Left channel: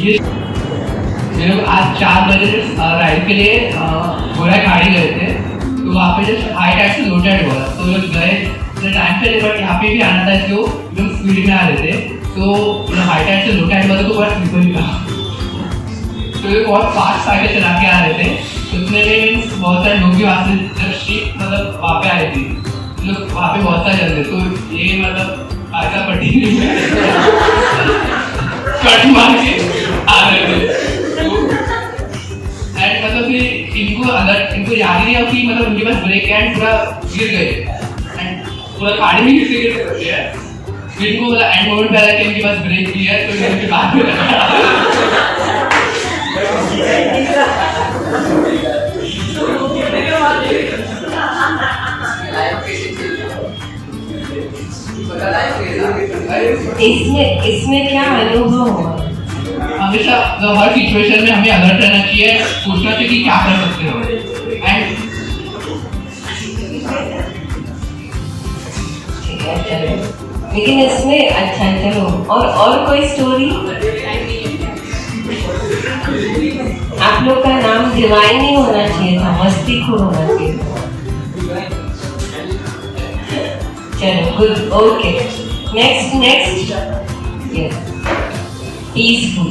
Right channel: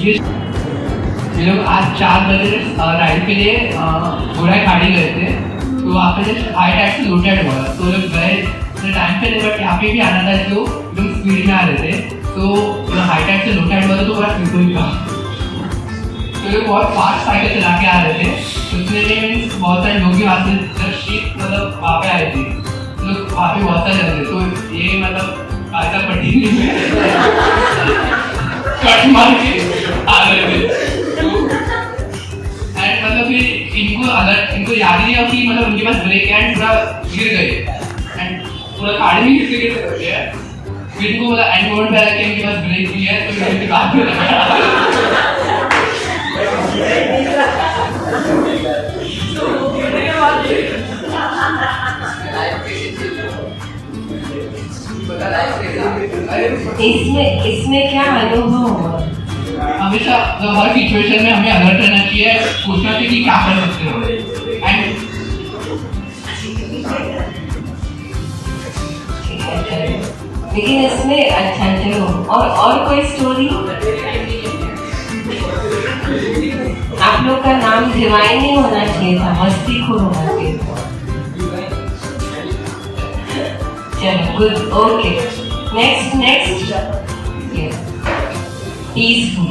ये लोग आज 4 बजे राइड के लिए घोड़ा खाड़ी गए थे, तो वहाँ पे जस्ट हाई टाइड से लो टाइड बोला, तो लोग गए तो टाइम पे, बट यहाँ पे भी आना था इसलिए लोग स्पीड में आ रहे थे, तो हाई टाइड से लो टाइड बोला तो बहुत स्लिप ही था, तो लोग बहुत फास्ट साइकिल चला के आ रहे थे, तो उसमें मीन्स बहुत सारे लोग भी वहाँ से जब शिप मतलब वहाँ पे आए थे, लोग वहाँ पे बहुत सारे चल रहे, तो ये मतलब आधा पट्टी कट मार के आ रहे थे, एंड मतलब फिर इनको याद ही नहीं हो कि मतलब उनके पास ब्रेक एंड पूरा गिर गए एंड पूरा खाड़ी में गिर गए हैं, फिर इनको मतलब एंड मोमेंट पे लगा कि इनके पास ब्रेक भी है, तो इनके बाद में इसमें क्या अनुभव हुआ? हमेशा हर सिचुएशन में हमें अलर्ट रहना चाहिए, सोचना चाहिए कि क्या कर सकते हो, एंड लेकिन इसमें अच्छा चलो और कोई स्टोरी? आप लोग का नाम डिवाइन नहीं होना चाहिए था, मस्तीखोर होना चाहिए था। चलो गुड, ओके, नेक्स्ट पीसफुल।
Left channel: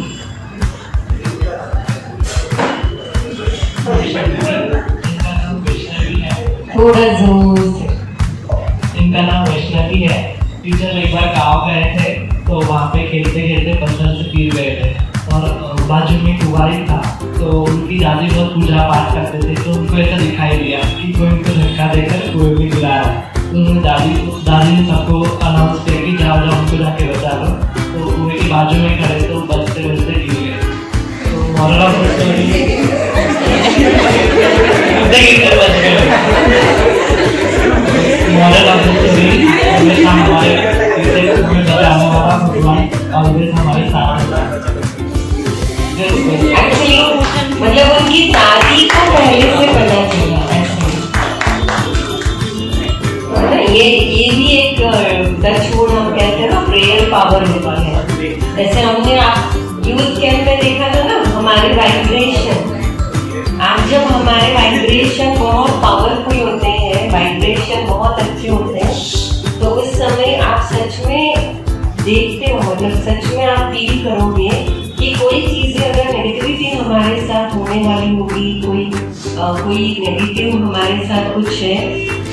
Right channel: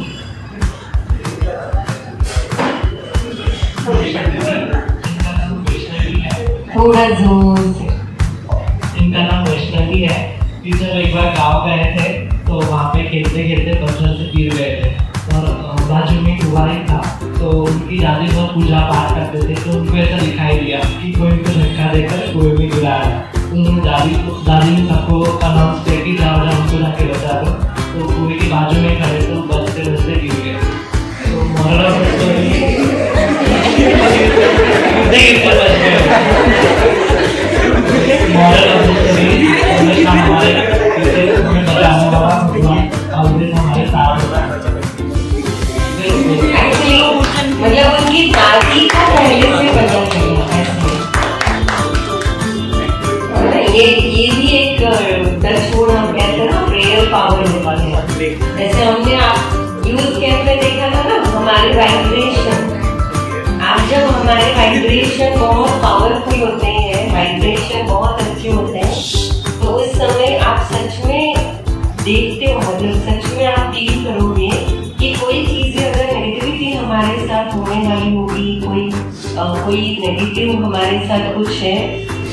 थोड़ा जोर से। इनका नाम वैष्णवी है। जब एक बार गाँव गए थे तो वहाँ पे खेलते खेलते बचपन से गिर गए थे और बाजू में कुंवारी था, तो उनकी दादी बहुत पूजा पाठ करते थे, तो उनको ऐसा दिखाई दिया कि कोई उनको धक्का देकर कुएं में गिरा रहा है, तो उन्होंने दादी ने सबको अनाउंस किया कि जाओ उनको जाके बचा दो, तो कुएं के बाजू में खड़े तो बचते बचते गिर गए। तो moral of the story model of the story हमेशा हमारे फ्यूचर में बचाना होगा, भगवान ऑलवेज हमारे साथ होगा। एक्चुअली मतलब उनकी दादी को पहले से पता चला ऐसे, ये भी एक टच वुड हम कहते हैं ना, प्रेयर पावर होता है। जैसे हमने आप यूथ कैंप में देखा था ना, हमारे वाइब्रेशन, आप जब हमारे वाइब्रेशन बहुत पावरफुल होते हैं, वाइब्रेशन बहुत अच्छे होते हैं, तो उस समय आप सच में देखते हो, मतलब सच में आप फील करोगे कि कोई चीजें अगर नेगेटिविटी हमारे साथ होने वाली होगी, कोई नेगेटिव हमारे साथ कुछ है,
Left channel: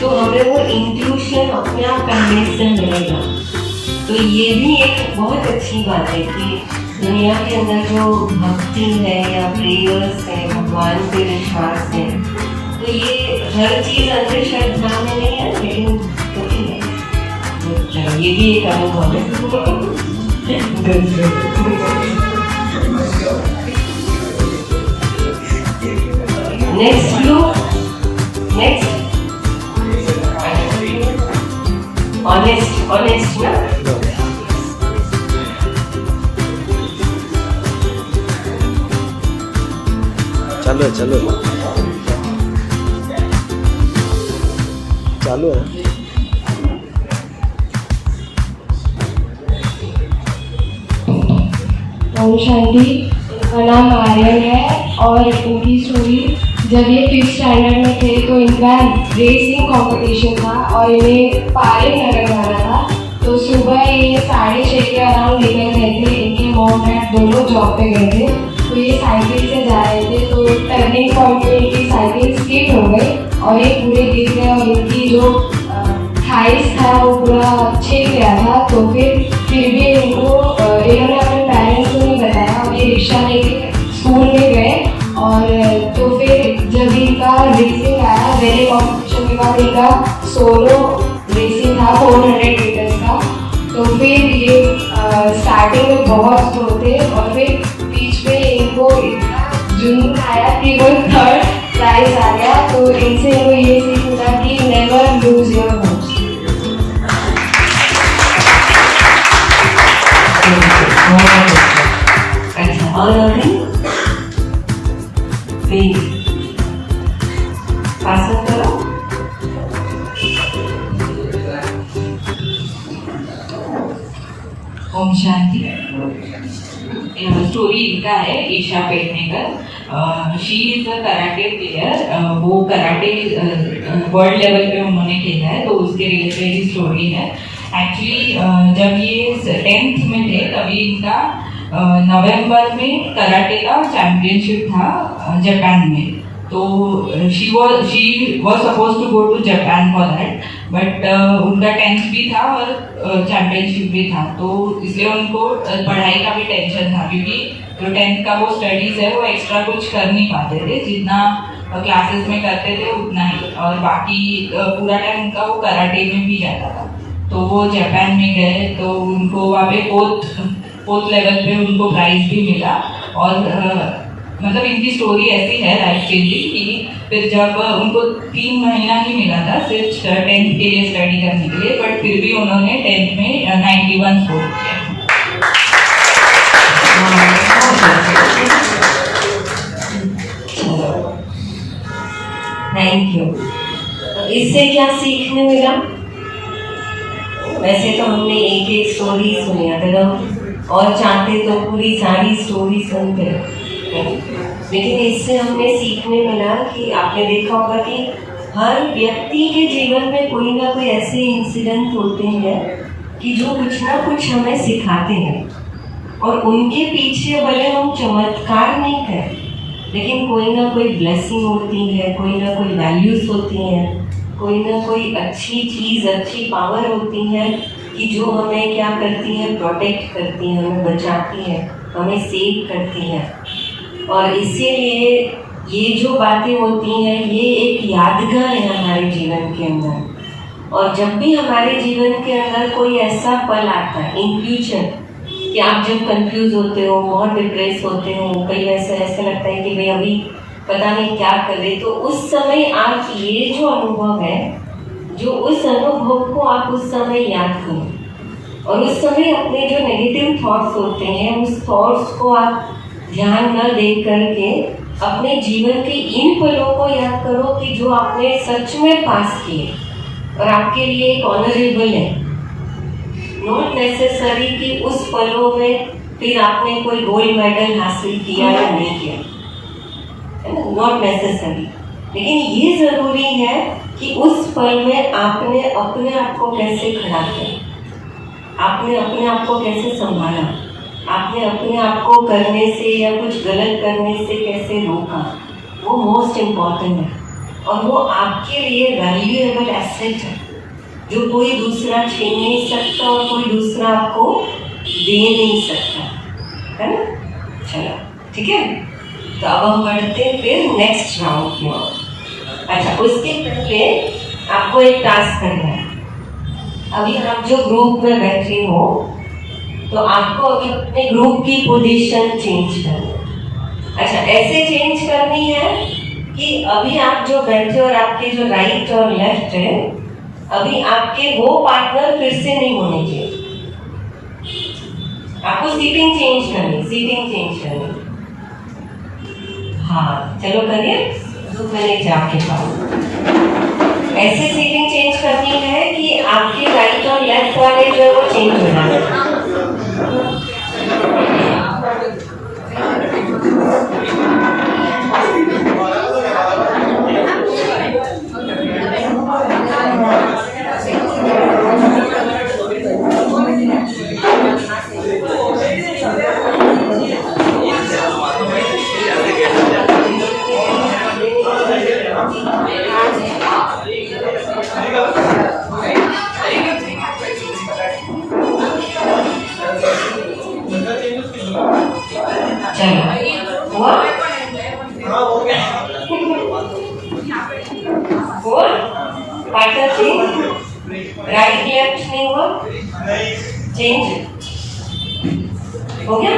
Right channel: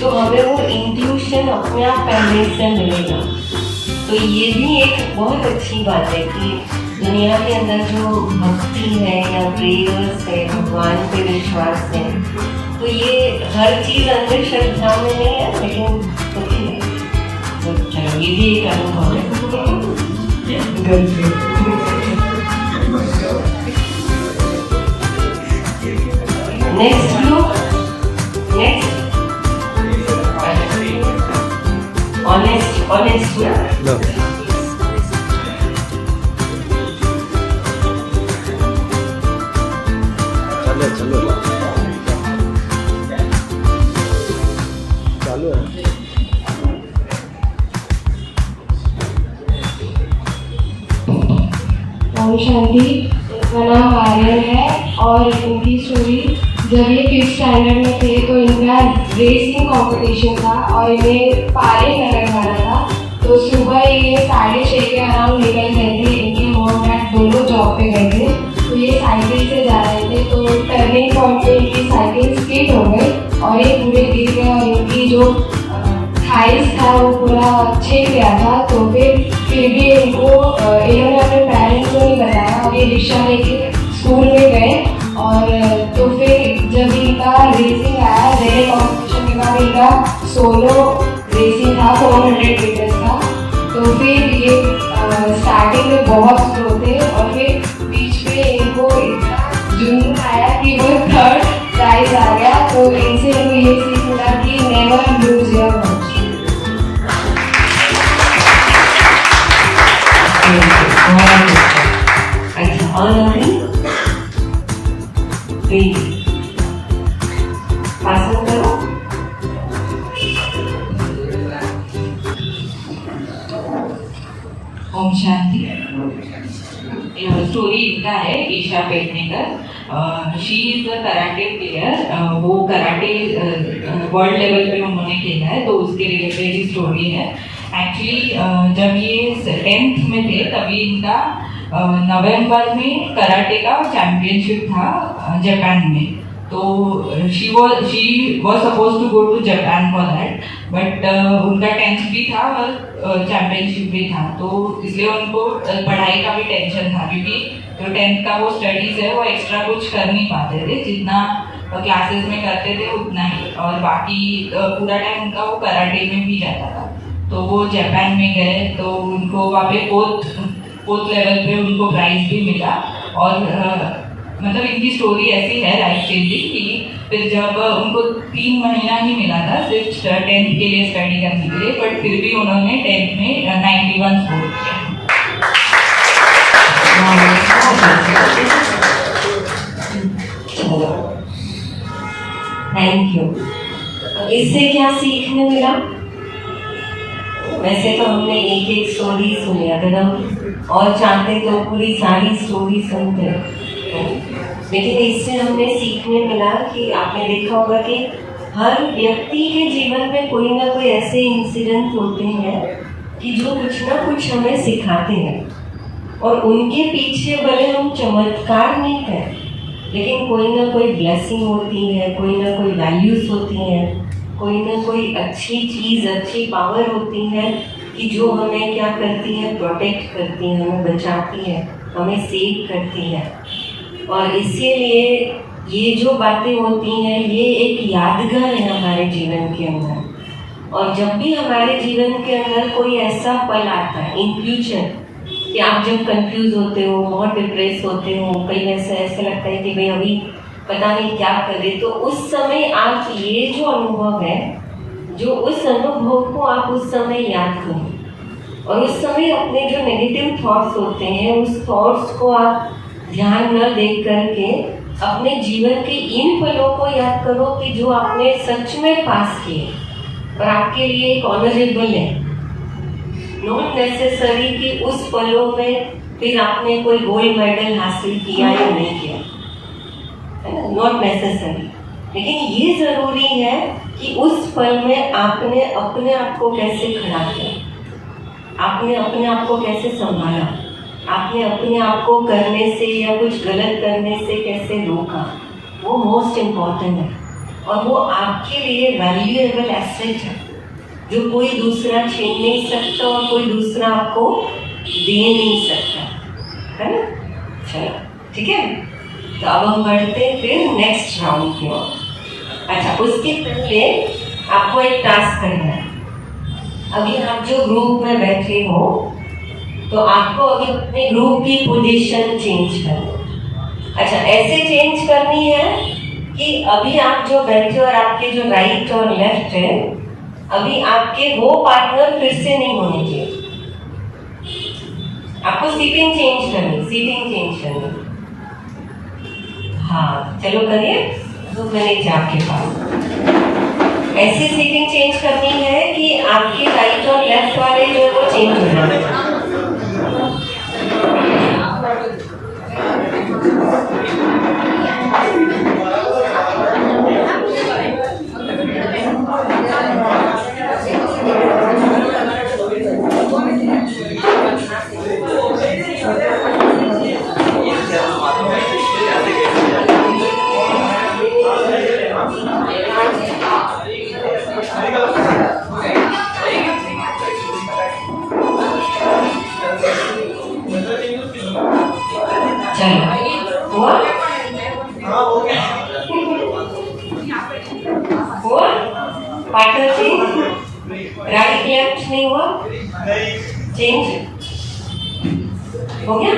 तो हमें वो इंट्यूशन अपने आप पहले से मिलेगा। तो ये भी एक बहुत अच्छी बात है कि दुनिया के अंदर जो भक्ति है या प्रेयर्स है, भगवान पे विश्वास है, तो ये हर चीज अंधश्रद्धा में नहीं है, लेकिन सही है। तो ये भी एक अनुभव है। नेक्स्ट ग्रुप, नेक्स्ट ऑनेस्ट ना, चलो चालू है। शांति, इनका नाम आर्यन है और इनकी स्टोरी, जब ये 5th स्टैंडर्ड में थे तो इनका रेसिंग कंपटीशन था और इन्हें पारे करने वाला था। तो सुबह ये 6:30 के अराउंड निकल गए थे, इनके मॉम डैड दोनों जॉब पे गए थे, तो ये साइकिल से जा रहे थे, तो टर्निंग पॉइंट पे इनकी साइकिल स्किड हो गई और ये पूरे गिर गए और इनकी जो थाइस था वो पूरा छिल गया था। तो फिर भी इन्होंने अपने पेरेंट्स को नहीं बताया और ये रिक्शा लेके स्कूल में गए। और तो फिर जब इनका रेसिंग आया, रिले कॉम्पिटिशन के बाद इनका सोलो रेसिंग था 400 मीटर्स का, तो फिर ये स्टार्टिंग में बहुत स्लो थे और फिर बीच में इनको इतना जुनून आया कि वो 3rd प्राइज आ गया। तो इनसे इनको ये सीख मिला कि never lose your hopes. Shanti story इनका है Isha Pednekar. She is a karate player. वो कराटे वर्ल्ड लेवल पे उन्होंने खेला है, तो उसके रिलेटेड ही स्टोरी है। एक्चुअली जब ये 10th में थे तभी इनका नवंबर में कराटे का चैंपियनशिप था जापान में। तो she was supposed to go to Japan for that, but उनका 10th भी था और चैंपियनशिप भी था, तो इसलिए उनको पढ़ाई का भी टेंशन था, क्योंकि जो 10th का वो स्टडीज है वो एक्स्ट्रा कुछ कर नहीं पाते थे, जितना क्लासेस में करते थे उतना ही, और बाकी पूरा टाइम उनका वो कराटे में भी जाता था। तो वो जापान में गए तो उनको वहाँ पे फोर्थ लेवल पे उनको प्राइज भी मिला। और मतलब इनकी स्टोरी ऐसी है लाइफ चेंजिंग कि फिर जब उनको 3 महीना ही मिला था सिर्फ 10th के लिए स्टडी करने के लिए, बट फिर भी उन्होंने 10th में 91 स्कोर किया। Thank you. इससे क्या सीखने मिला? वैसे तो हमने एक स्टोरी सुनी, अगर हम और चाहते तो पूरी सारी स्टोरी सुनते, लेकिन इससे हमें सीखने मिला कि आपने देखा होगा कि हर व्यक्ति के जीवन में कोई ना कोई ऐसे इंसिडेंट होते हैं कि जो कुछ ना कुछ हमें सिखाते हैं, और उनके पीछे भले हम चमत्कार नहीं करें, लेकिन कोई ना कोई ब्लेसिंग होती है, कोई ना कोई वैल्यूज होती हैं, कोई ना कोई अच्छी चीज़, अच्छी पावर होती है कि जो हमें क्या करती है, प्रोटेक्ट करती है, हमें बचाती है, हमें सेव करती है। और इसीलिए ये जो बातें होती हैं ये एक यादगार है हमारे जीवन के अंदर। और जब भी हमारे जीवन के अंदर कोई ऐसा पल आता है इन फ्यूचर कि आप जब कंफ्यूज होते हो, बहुत डिप्रेस होते हो, कई ऐसा लगता है कि भाई अभी पता नहीं क्या कर रहे, तो उस समय आप ये जो अनुभव है, जो उस अनुभव को आप उस समय याद करो, और उस समय अपने जो नेगेटिव थॉट्स होते हैं उस थॉट्स को आप ध्यान न दे करके अपने जीवन के इन पलों को याद करो कि जो आपने सच में पास किए और आपके लिए एक ऑनरेबल है। नॉट नेसेसरी कि उस पलों में फिर आपने कोई गोल्ड मेडल हासिल किया या नहीं किया, है ना, नॉट नेसेसरी, लेकिन ये जरूरी है कि उस पल में आपने अपने आप को कैसे खड़ा किया, आपने अपने आप को कैसे संभाला, आपने अपने आप को करने से या कुछ गलत करने से कैसे रोका, वो मोस्ट इम्पॉर्टेंट है। और वो आपके लिए वैल्यूएबल एसेट है जो कोई दूसरा छीन नहीं सकता और कोई दूसरा आपको दे नहीं सकता, है ना। चलो ठीक है, तो अब हम बढ़ते हैं फिर नेक्स्ट राउंड की ओर। अच्छा, उसके पहले आपको एक टास्क करना है। अभी आप जो ग्रुप में बैठे हो तो आपको अभी अपने ग्रुप की पोजीशन चेंज करनी है। अच्छा, ऐसे चेंज करनी है कि अभी आप जो बैठे और आपके जो राइट और लेफ्ट है, अभी आपके वो पार्टनर फिर से नहीं होने चाहिए। आपको सीटिंग चेंज करनी। हाँ चलो करिए, 2 मिनट आपके पास। ऐसे सीटिंग चेंज करनी है कि आपकी राइट और लेफ्ट वाले जो है वो चेंज हो जाए। राइट लेफ्ट नहीं हुआ, चेंज हो गया।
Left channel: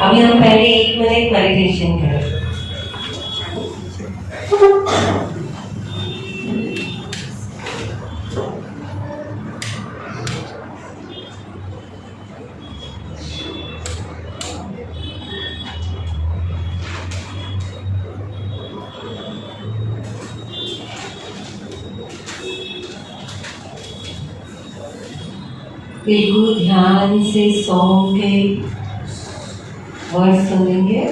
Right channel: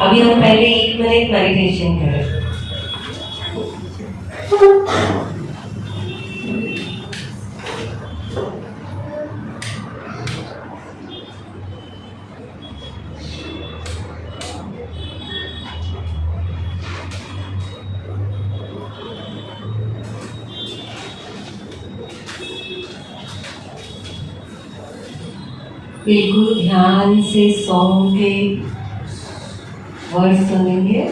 अभी हम पहले 1 मिनट मेडिटेशन करें। बिल्कुल ध्यान से सॉन्ग के वर्ड सुनेंगे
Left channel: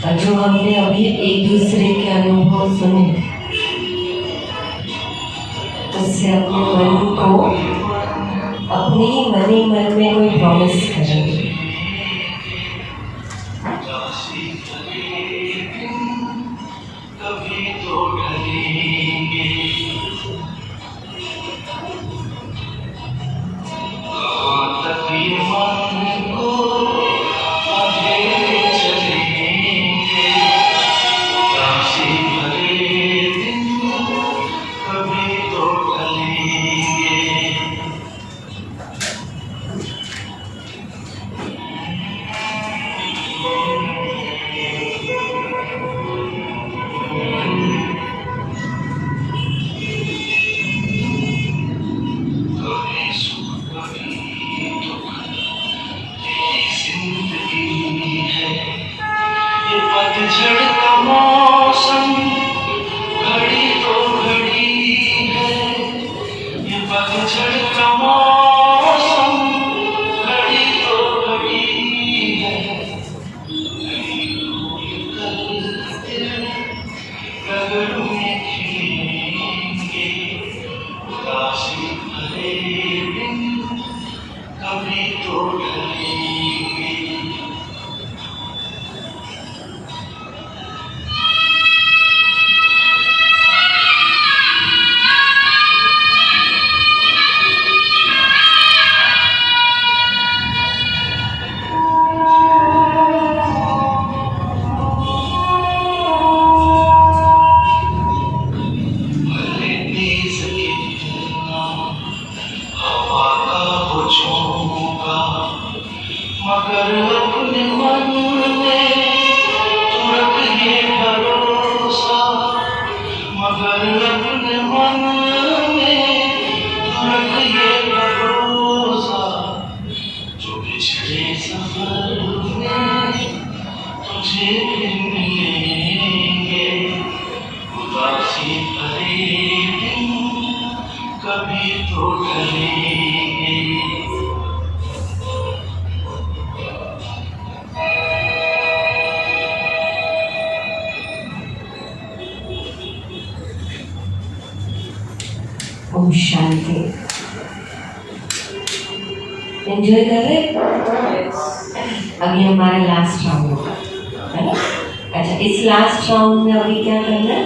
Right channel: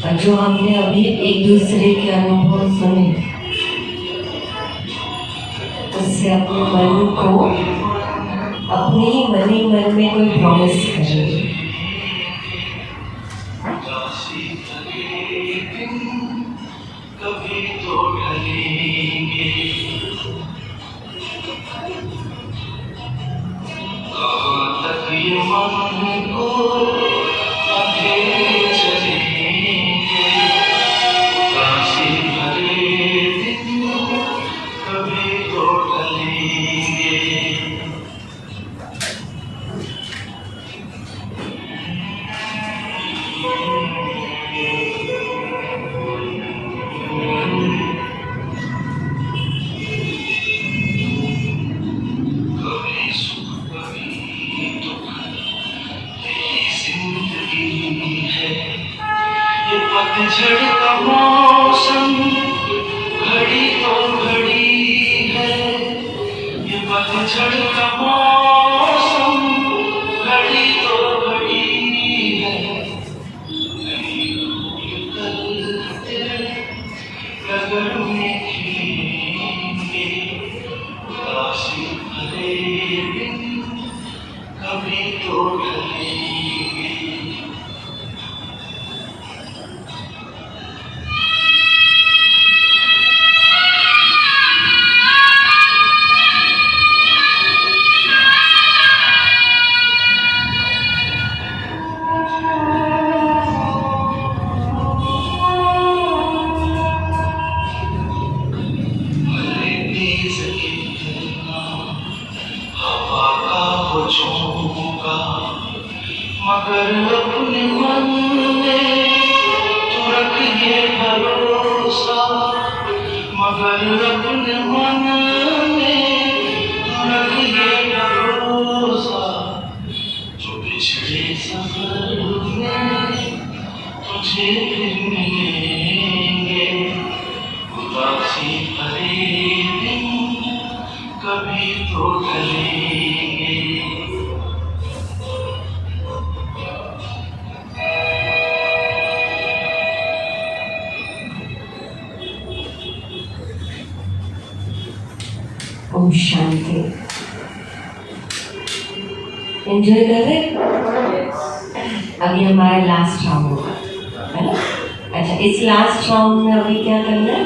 और जो हमने अभी एक दूसरे के अनुभव सुने उससे अपने मन को अपनी मनी मन में कोई प्रॉमिस करेंगे। पतझड़ का मौसम घड़ी तो घड़ी है, ये पतझड़ का मौसम घड़ी तो घड़ी है। कल में खिलेंगे उदासी भरे दिन, कभी तो ढलेंगे। मगर अपने मन में तू रख ये भरोसा, मगर अपने मन में तू रख ये भरोसा, जो पिछले सफर में तुझे फिर मिलेंगे उदासी भरे दिन, कभी तो ढलेंगे। ओम शांति। एंजॉय कर रहे? अभी हमारा लास्ट राउंड होगा, है ना? अच्छा, इस लास्ट राउंड में अभी क्या करना है?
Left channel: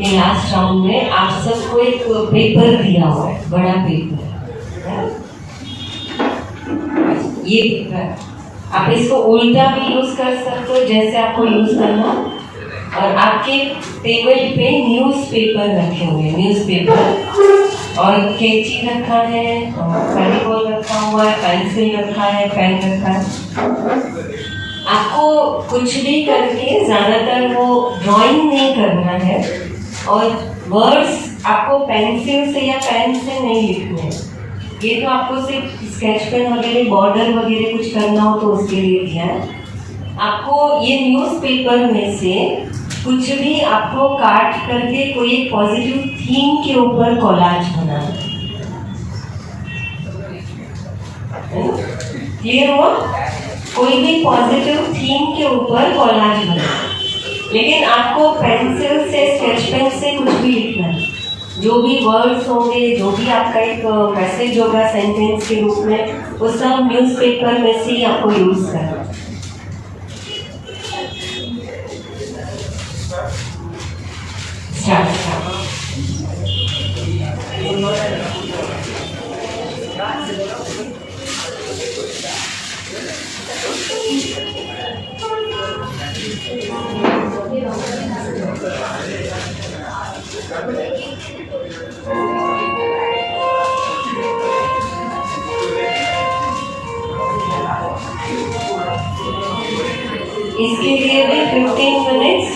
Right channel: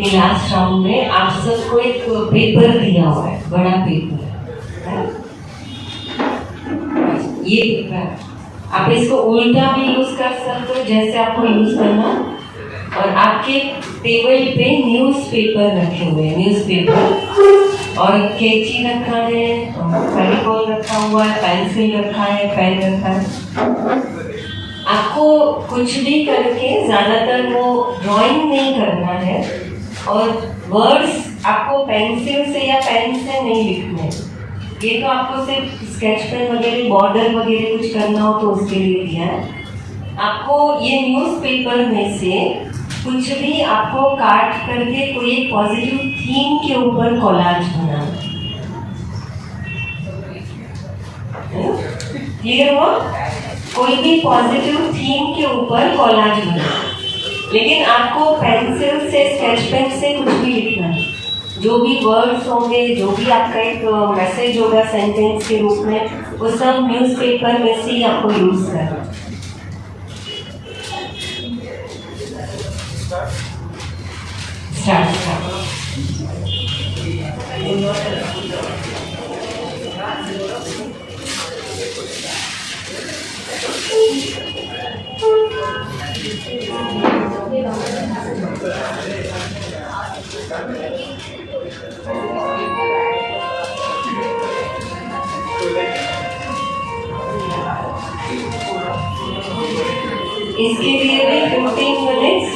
ये लास्ट राउंड में आप सबको एक पेपर दिया हुआ है, बड़ा पेपर है। ये पेपर आप इसको उल्टा भी यूज कर सकते हो, जैसे आपको यूज करना। और आपके टेबल पे न्यूज़पेपर रखे हुए हैं, न्यूज़पेपर और कैंची रखा है, फेविकॉल रखा हुआ है, पेंसिल रखा है, पेन रखा है। आपको कुछ भी करके ज़्यादातर वो ड्राइंग नहीं करना है और वर्ड्स आपको पेंसिल से या पेन से नहीं लिखने हैं। ये तो आपको सिर्फ स्केच पेन वगैरह बॉर्डर वगैरह कुछ करना हो तो उसके लिए दिया है। आपको ये न्यूज़पेपर में से कुछ भी आपको काट करके कोई एक पॉजिटिव थीम के ऊपर कोलाज बनाना है। क्लियर हुआ? कोई भी पॉजिटिव थीम के ऊपर कोलाज बनाना, लेकिन आपको पेंसिल से स्केच पेन से कुछ भी लिखना है। जो भी वर्ड्स होंगे, जो भी आपका एक मैसेज होगा सेंटेंस के रूप में, वो सब न्यूज़पेपर में से ही आपको यूज करना है। इसके लिए भी 15 मिनट्स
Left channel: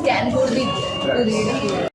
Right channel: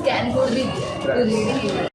स्कैन कोड भी तो रीडिंग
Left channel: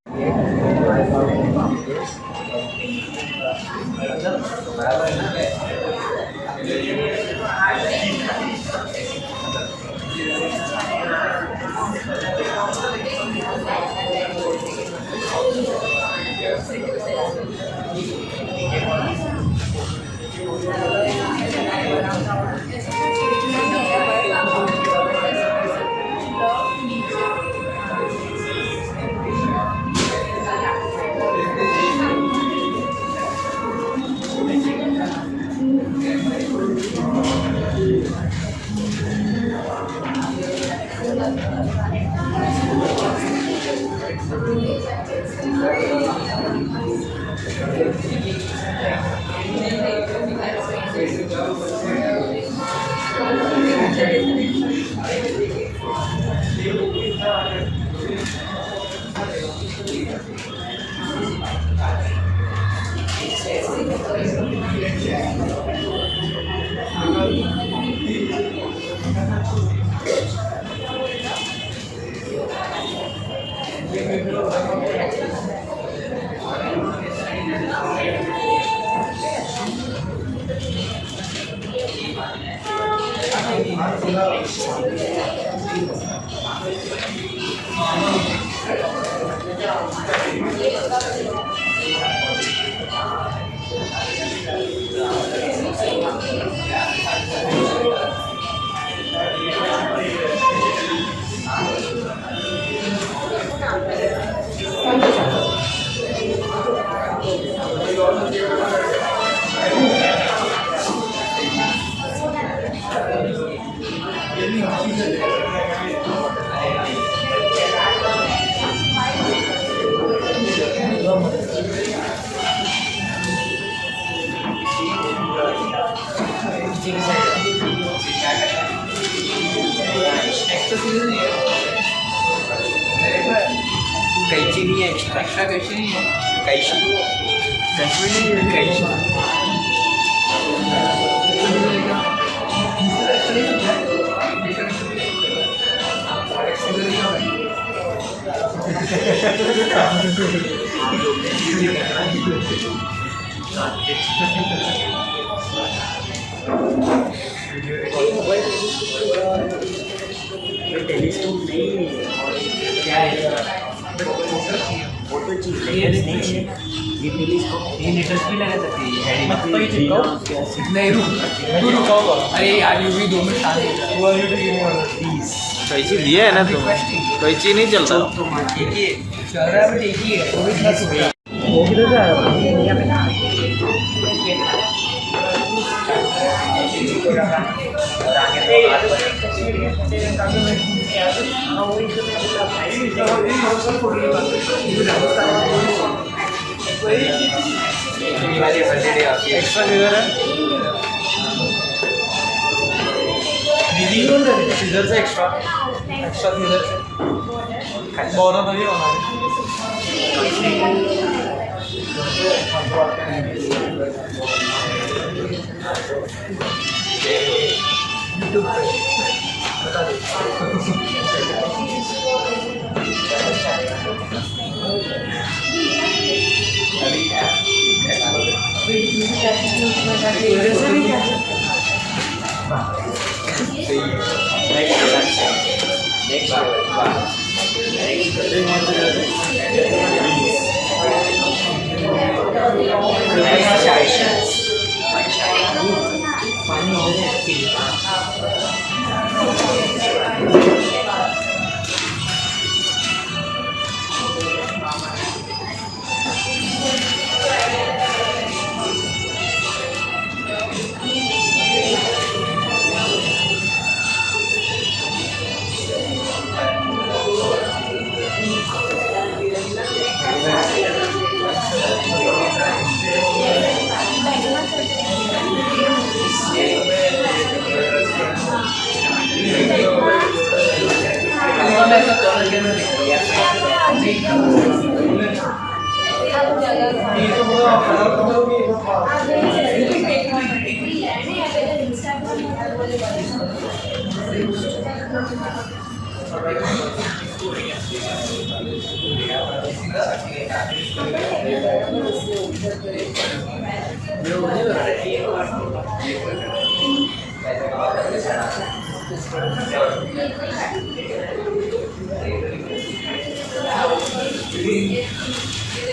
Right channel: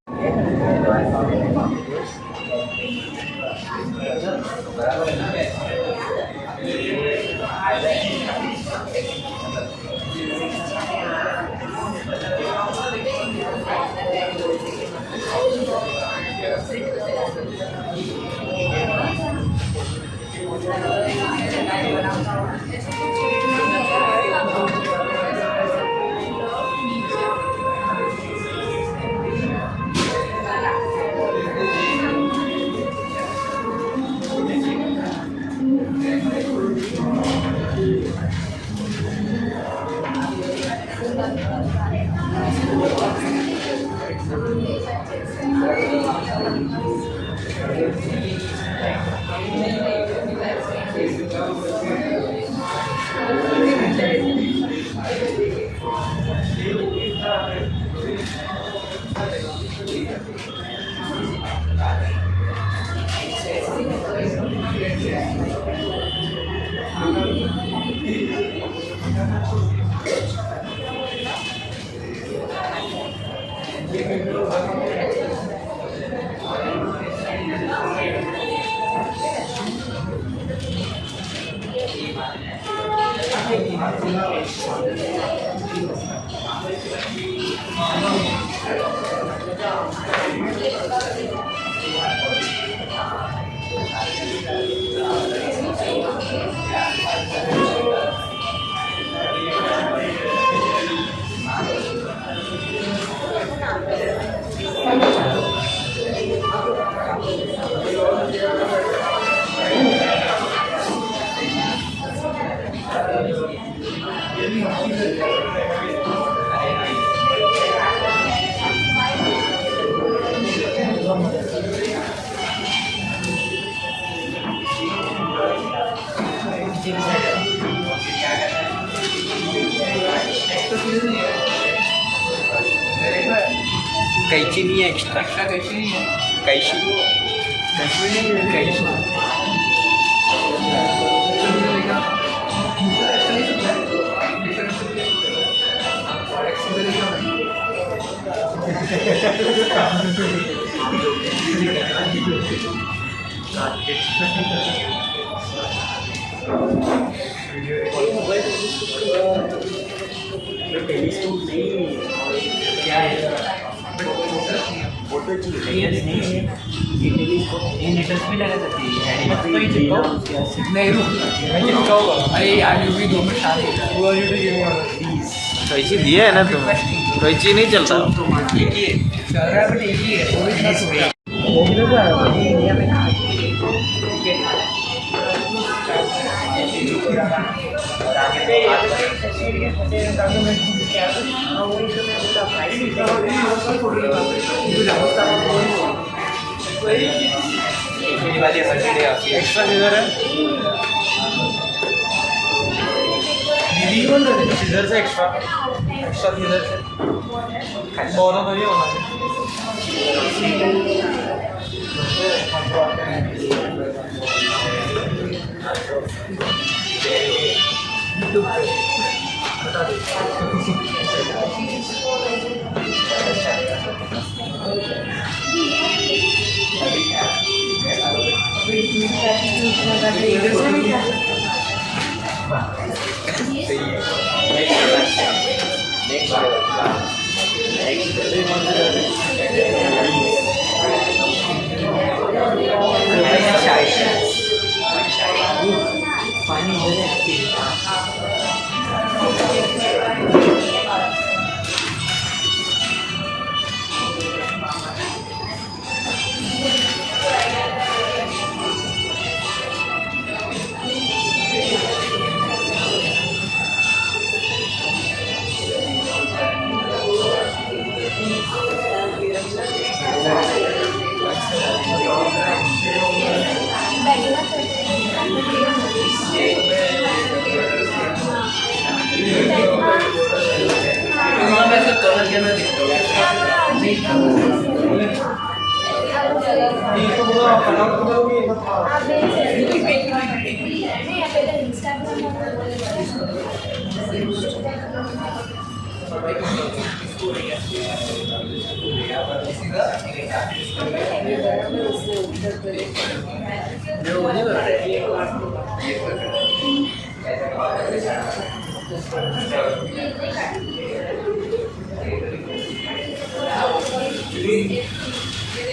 कैची नहीं है, एक्स्ट्रा कैची नहीं है, कैची नहीं है, कैची टेलीस्कोप नहीं क्या है, फोटो चाहिए नहीं है, ये टेलीस्कोप ये नेटवर्क भी लगा सकती है। अरे यार यूवी 2 में शादी कैची दिया है ना तुम, कैची नहीं चलता एक ही चल रहा है, बट एक ही है, वो भी खर्च हो गया। इंडिया में ना और आगे एक्स्ट्रा सीजर है, सीजर से एक्स्ट्रा सीजर से दोनों तो नहीं होना यूट्यूब पे बता दे।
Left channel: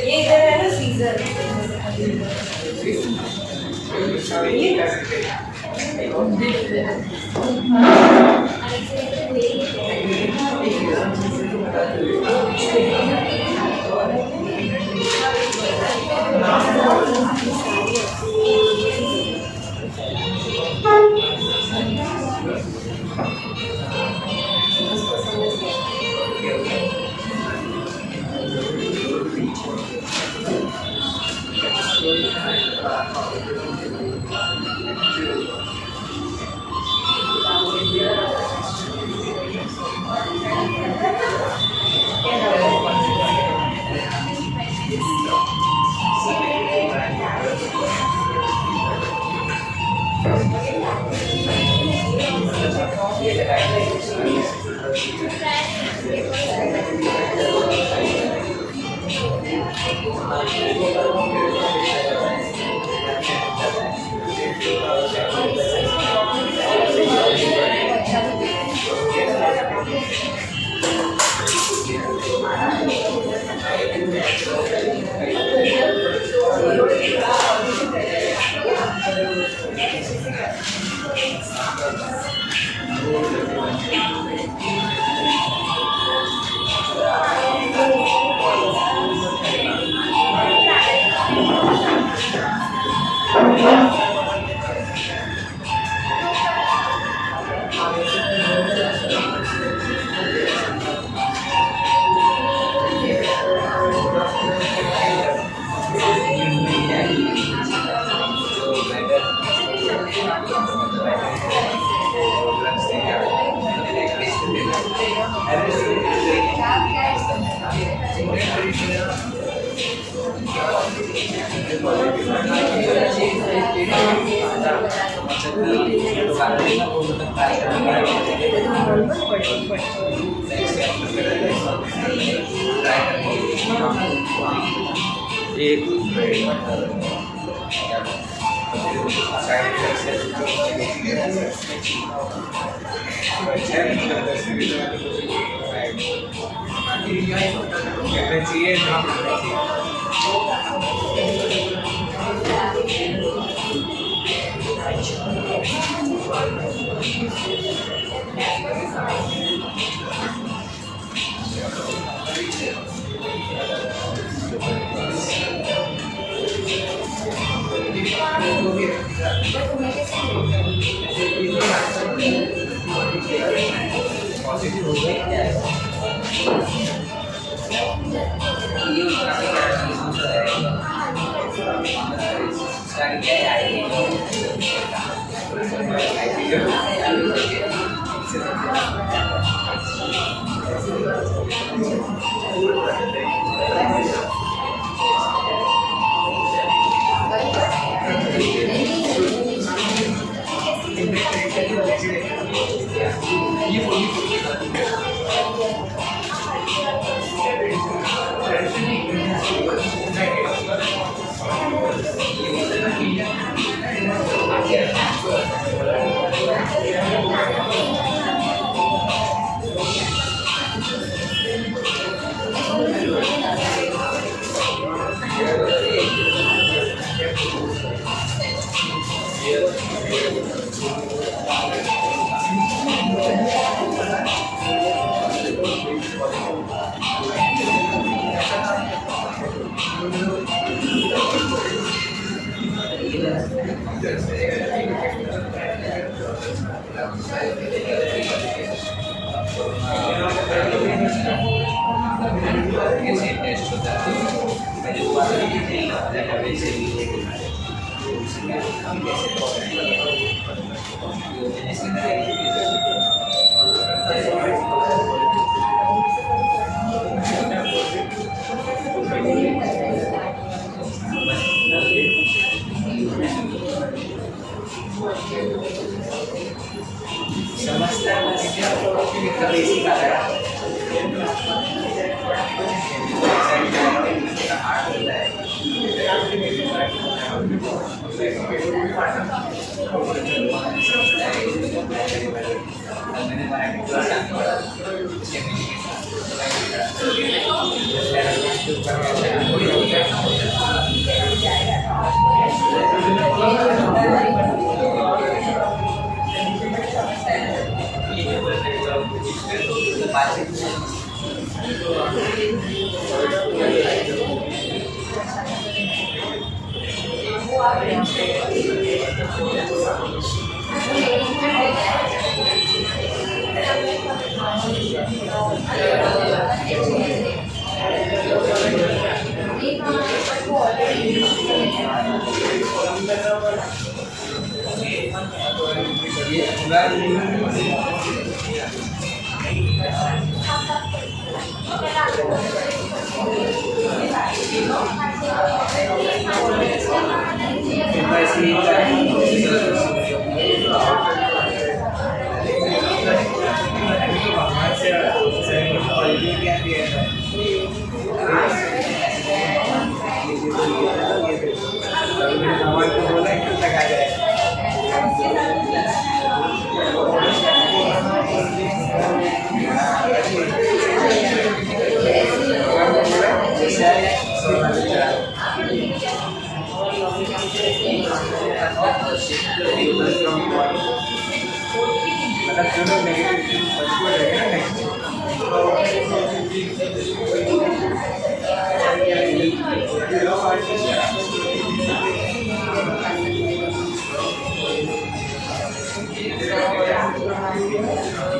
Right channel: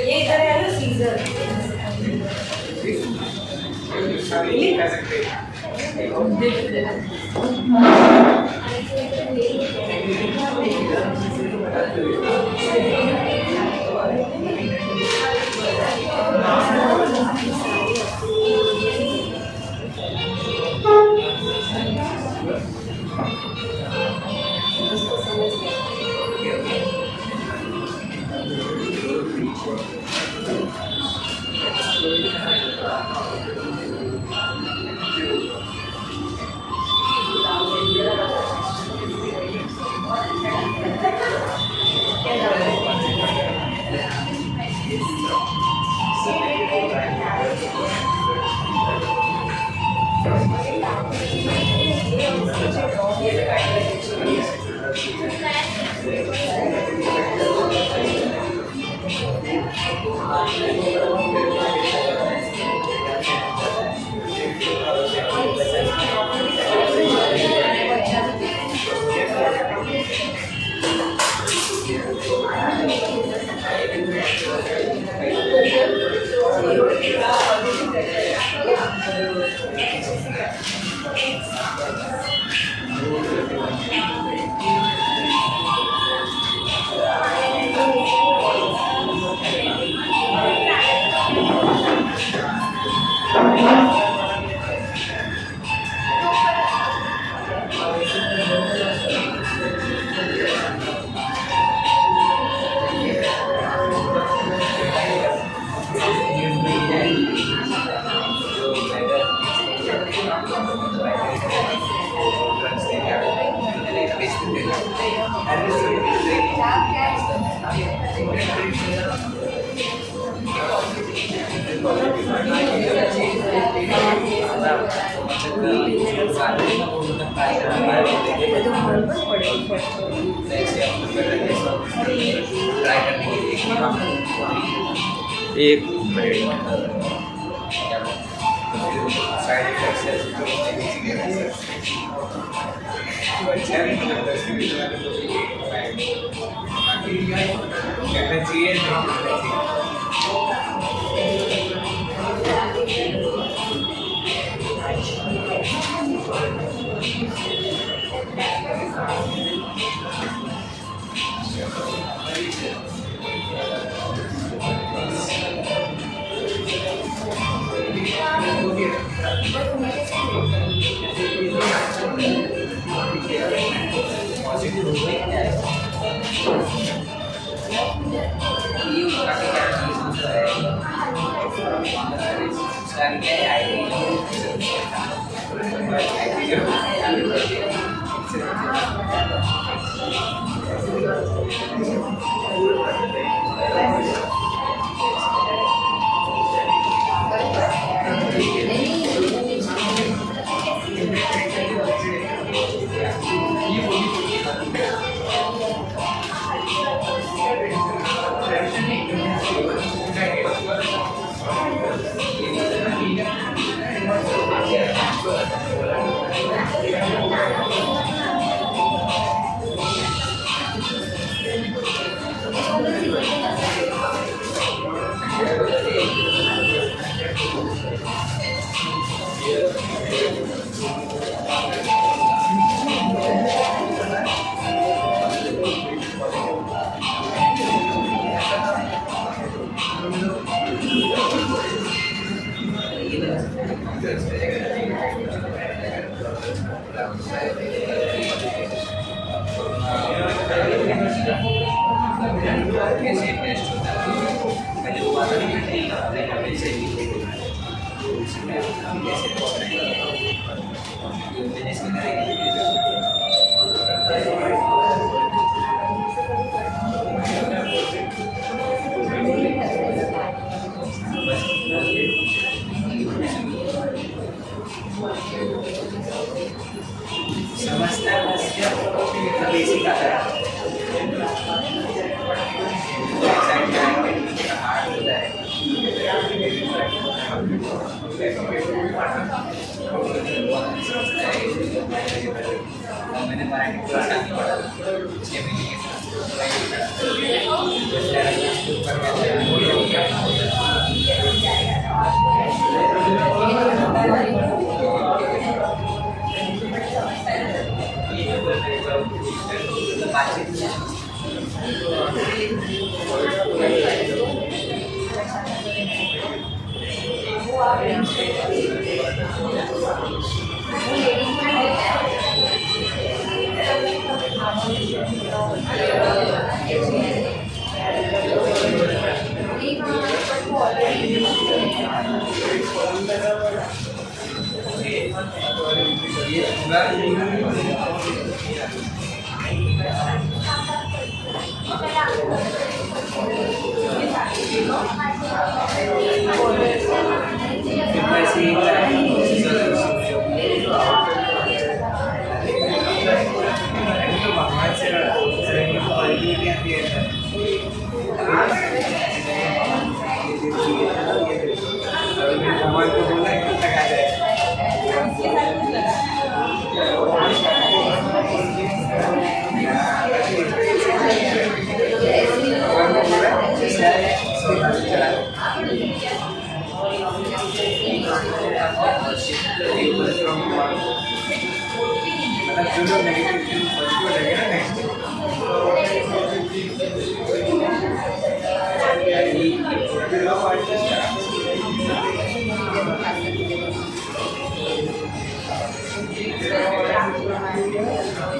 ये इधर है ना सीजर।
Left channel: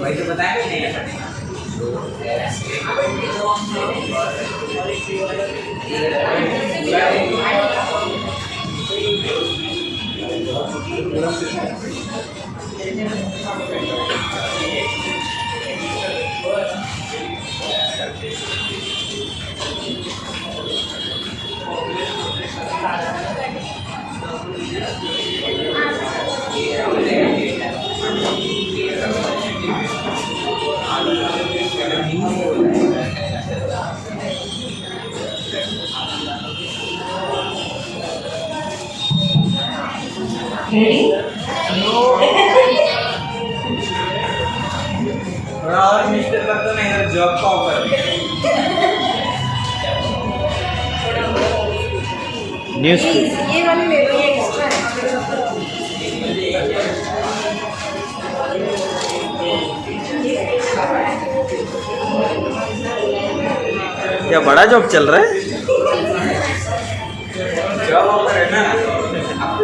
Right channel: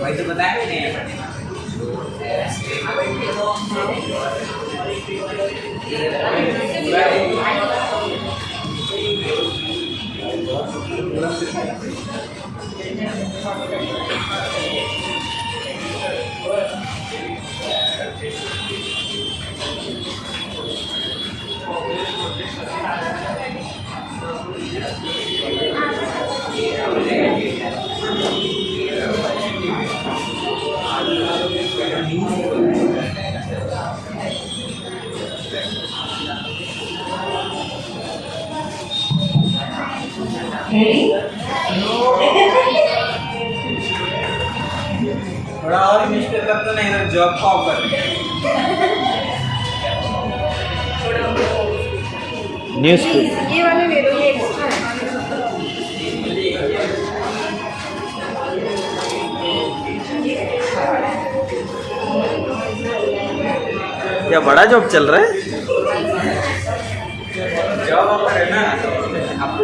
भाई तो बताया नहीं Ready? थोड़ा और मिस्टेक करता नहीं तो जॉब का ऑफर ये वाले ले लो, ये एक्स्ट्रा क्या बड़ा जॉब चल रहा है? जॉब ऑफर है ना आपको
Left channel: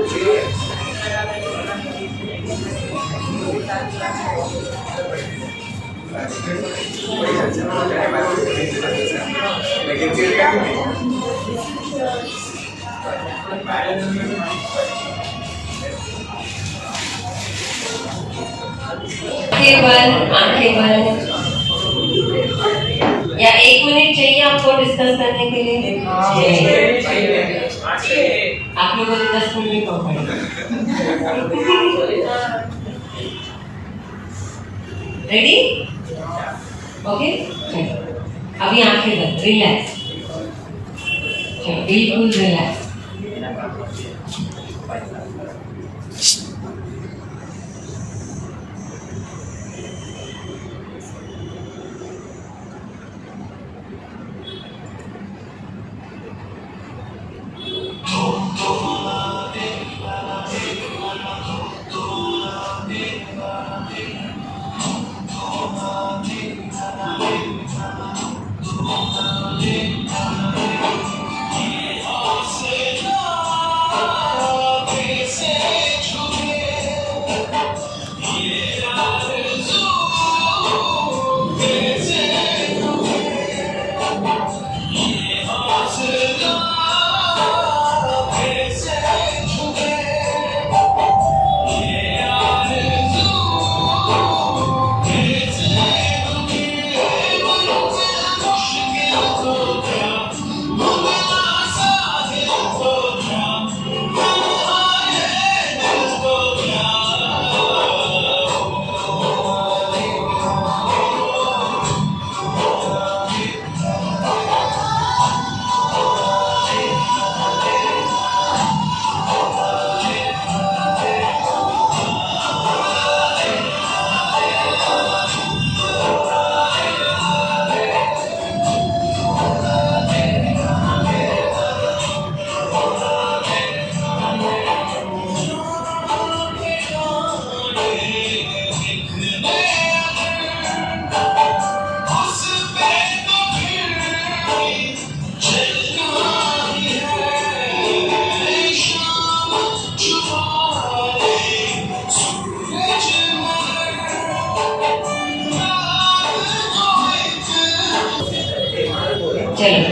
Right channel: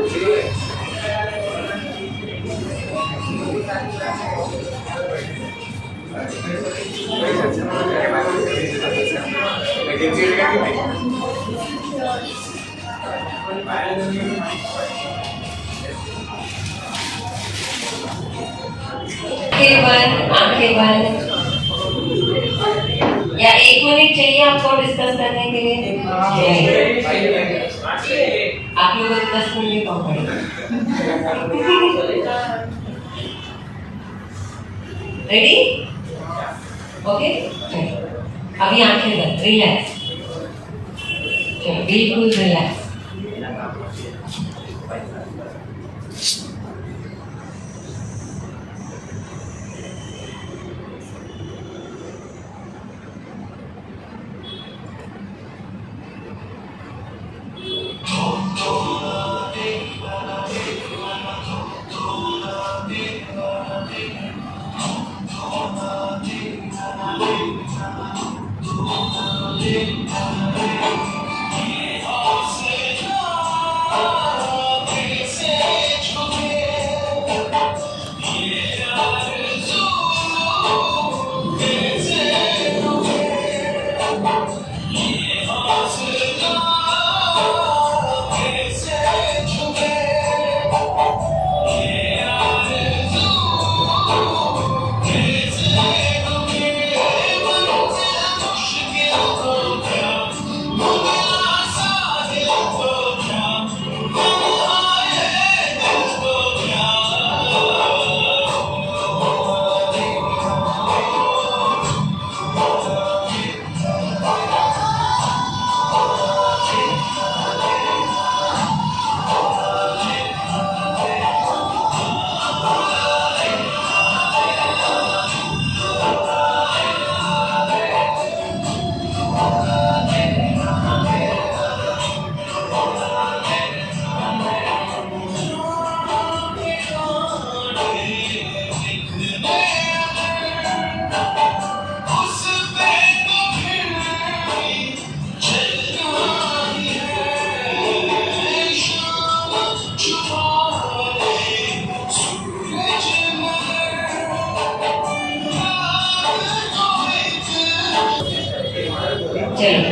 आंखें बंद या 1 मिनट चाहिए आपको डिस्कस करने के लिए? आप लोगों को 10 मिनट कम पड़ेगा। रेडी? ओके, अभी आंखें बंद, रिलैक्स, बिल्कुल रिलैक्स।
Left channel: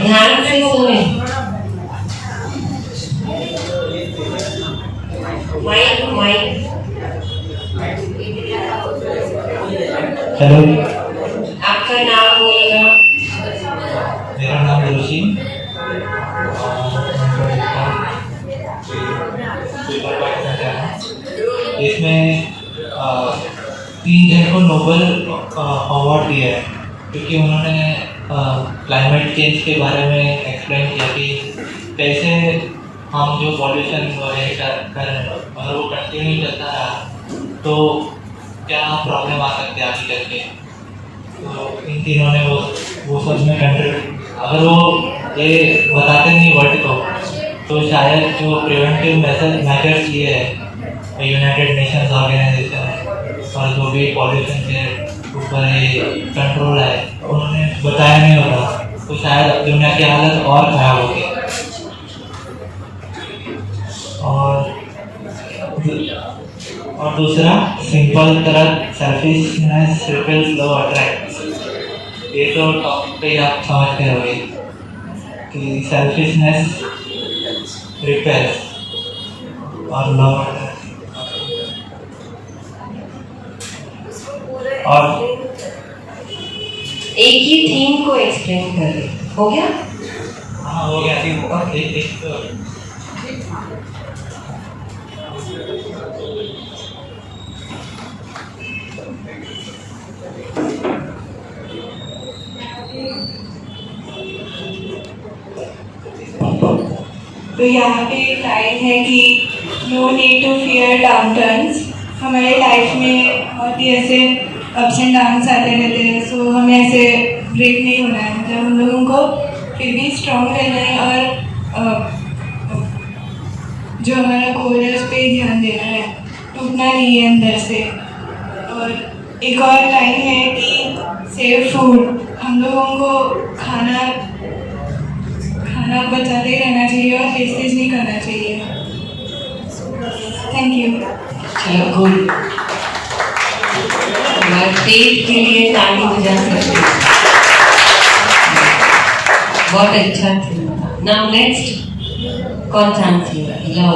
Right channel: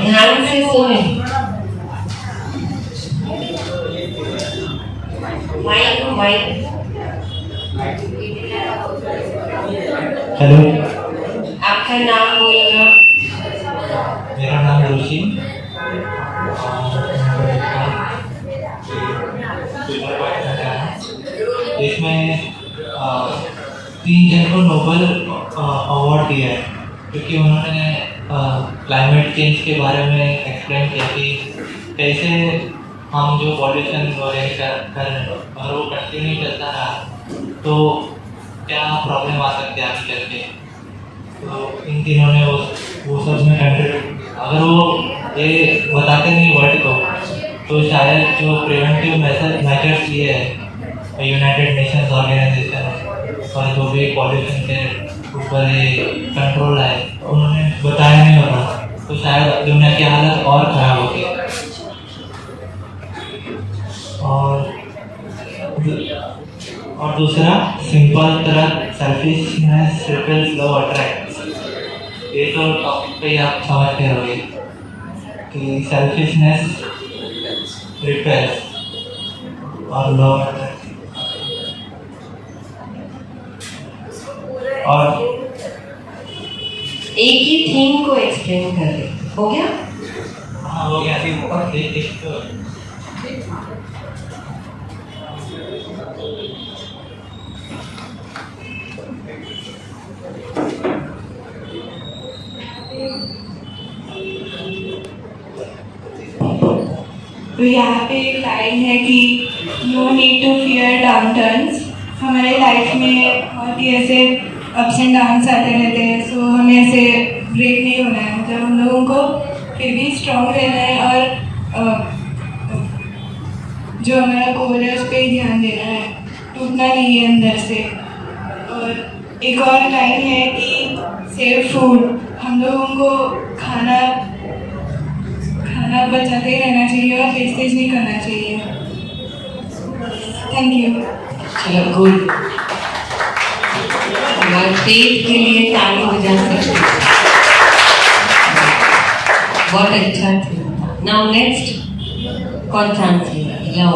ध्यान से सुने। माइक हेलो, आपका नाम बोलना। मेरा नाम रोशी। इसमें 3 जन को नोबेल अवार्ड दिया है क्योंकि उन्होंने क्लाइमेट चेंज के बारे में एक्सप्लेन किया कि कैसे हम जो पॉल्यूशन वगैरह कर रहे हैं अगर वो कंटिन्यू चलता रहा तो क्या प्रॉब्लम आ सकती है आगे चल के। तो इन तीनों ने वो सब में कंट्रीब्यूट, अगर वो ये बताते नहीं वर्ल्ड को तो शायद जो प्रिवेंटिव मेथड्स लिए है यूनाइटेड नेशंस ऑर्गेनाइजेशन और जो भी पॉल्यूशन के ऊपर ये कंट्रोल है उन्होंने बताया नहीं होता तो शायद दुनिया की हालत और ख़राब होती। और दूसरा सिंपल तरह सेल्फिशनेस रिपेल्स लव अट्रैक्ट्स, ये तो टॉपिक पे आप समझते होंगे कि सेल्फिशनेस रिपेल्स और लव अट्रैक्ट्स। और एक ही थीम को एक्सप्लेन कर रहे, हो गया? हाँ हो गया। एक तो यहाँ पे लाइन है कि no need to fear downturns. हमारे लाइफ में बहुत ही ऐसे अप्स एंड डाउन्स आते रहते हैं, सो हमें ऐसे ब्रेक नहीं होना है। मतलब हम लोगों को फिर भी स्ट्रॉन्ग रहना है और जो हमारा गोल है उस पर ध्यान देना है, टूटना नहीं है अंदर से। और एक और लाइन है कि सेव फूड, हम लोगों को खाना बचाते रहना चाहिए और वेस्टेज नहीं करना चाहिए। Thank you. चलो गुड, हमारे पेट के लिए ताली बजा सकते, बहुत अच्छा था। नाउ नेक्स्ट कौन सा थी? लव।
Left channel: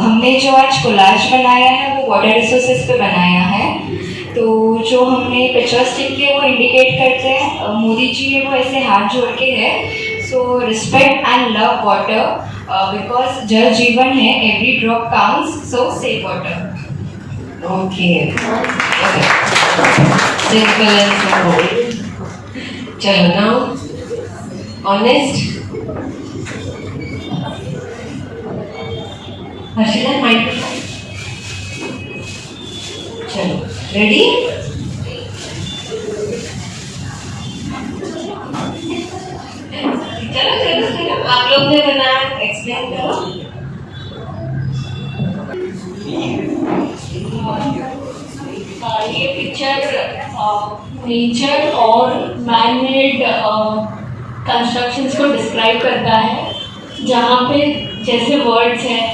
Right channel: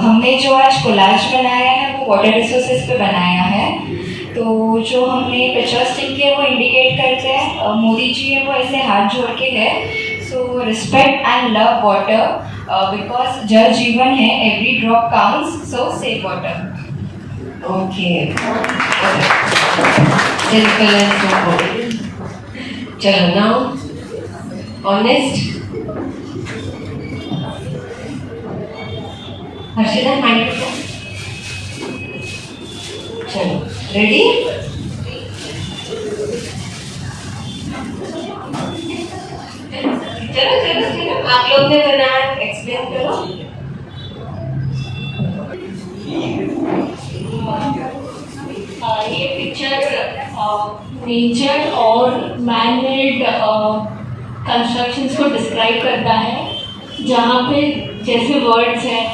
हमने जो आज कोलाज बनाया है वो वाटर रिसोर्सेज पे बनाया है। तो जो हमने पिक्चर्स लिखे हैं वो इंडिकेट करते हैं, मोदी जी है वो ऐसे हाथ जोड़ के है। So respect and love water because जल जीवन है, एवरी ड्रॉप काउंट्स, सो सेव वाटर। ओके, चलो नाउ ऑनेस्ट। हर्षिता माइक्रोफोन, चलो रेडी? चलो आप लोग ने बनाया, एक्सप्लेन करो। ये पिक्चर नेचर और मैन मेड कंस्ट्रक्शंस को डिस्क्राइब करता है, जहाँ पे जैसे वर्ड्स हैं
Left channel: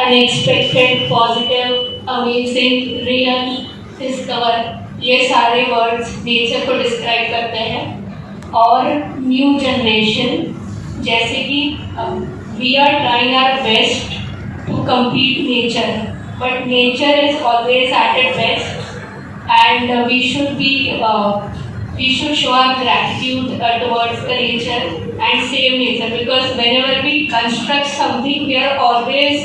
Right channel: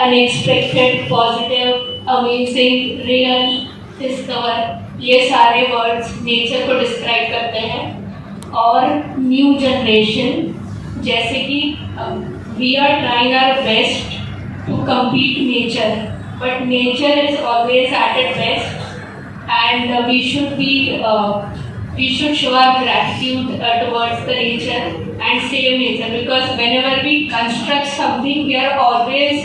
unexpected, positive, amazing, real, discover, ये सारे वर्ड्स नेचर को डिस्क्राइब करते हैं। और न्यू जनरेशन, जैसे कि we are trying our best to compete nature, but nature is always at its best, and we should show our gratitude towards the nature and save nature, because whenever we construct something we are always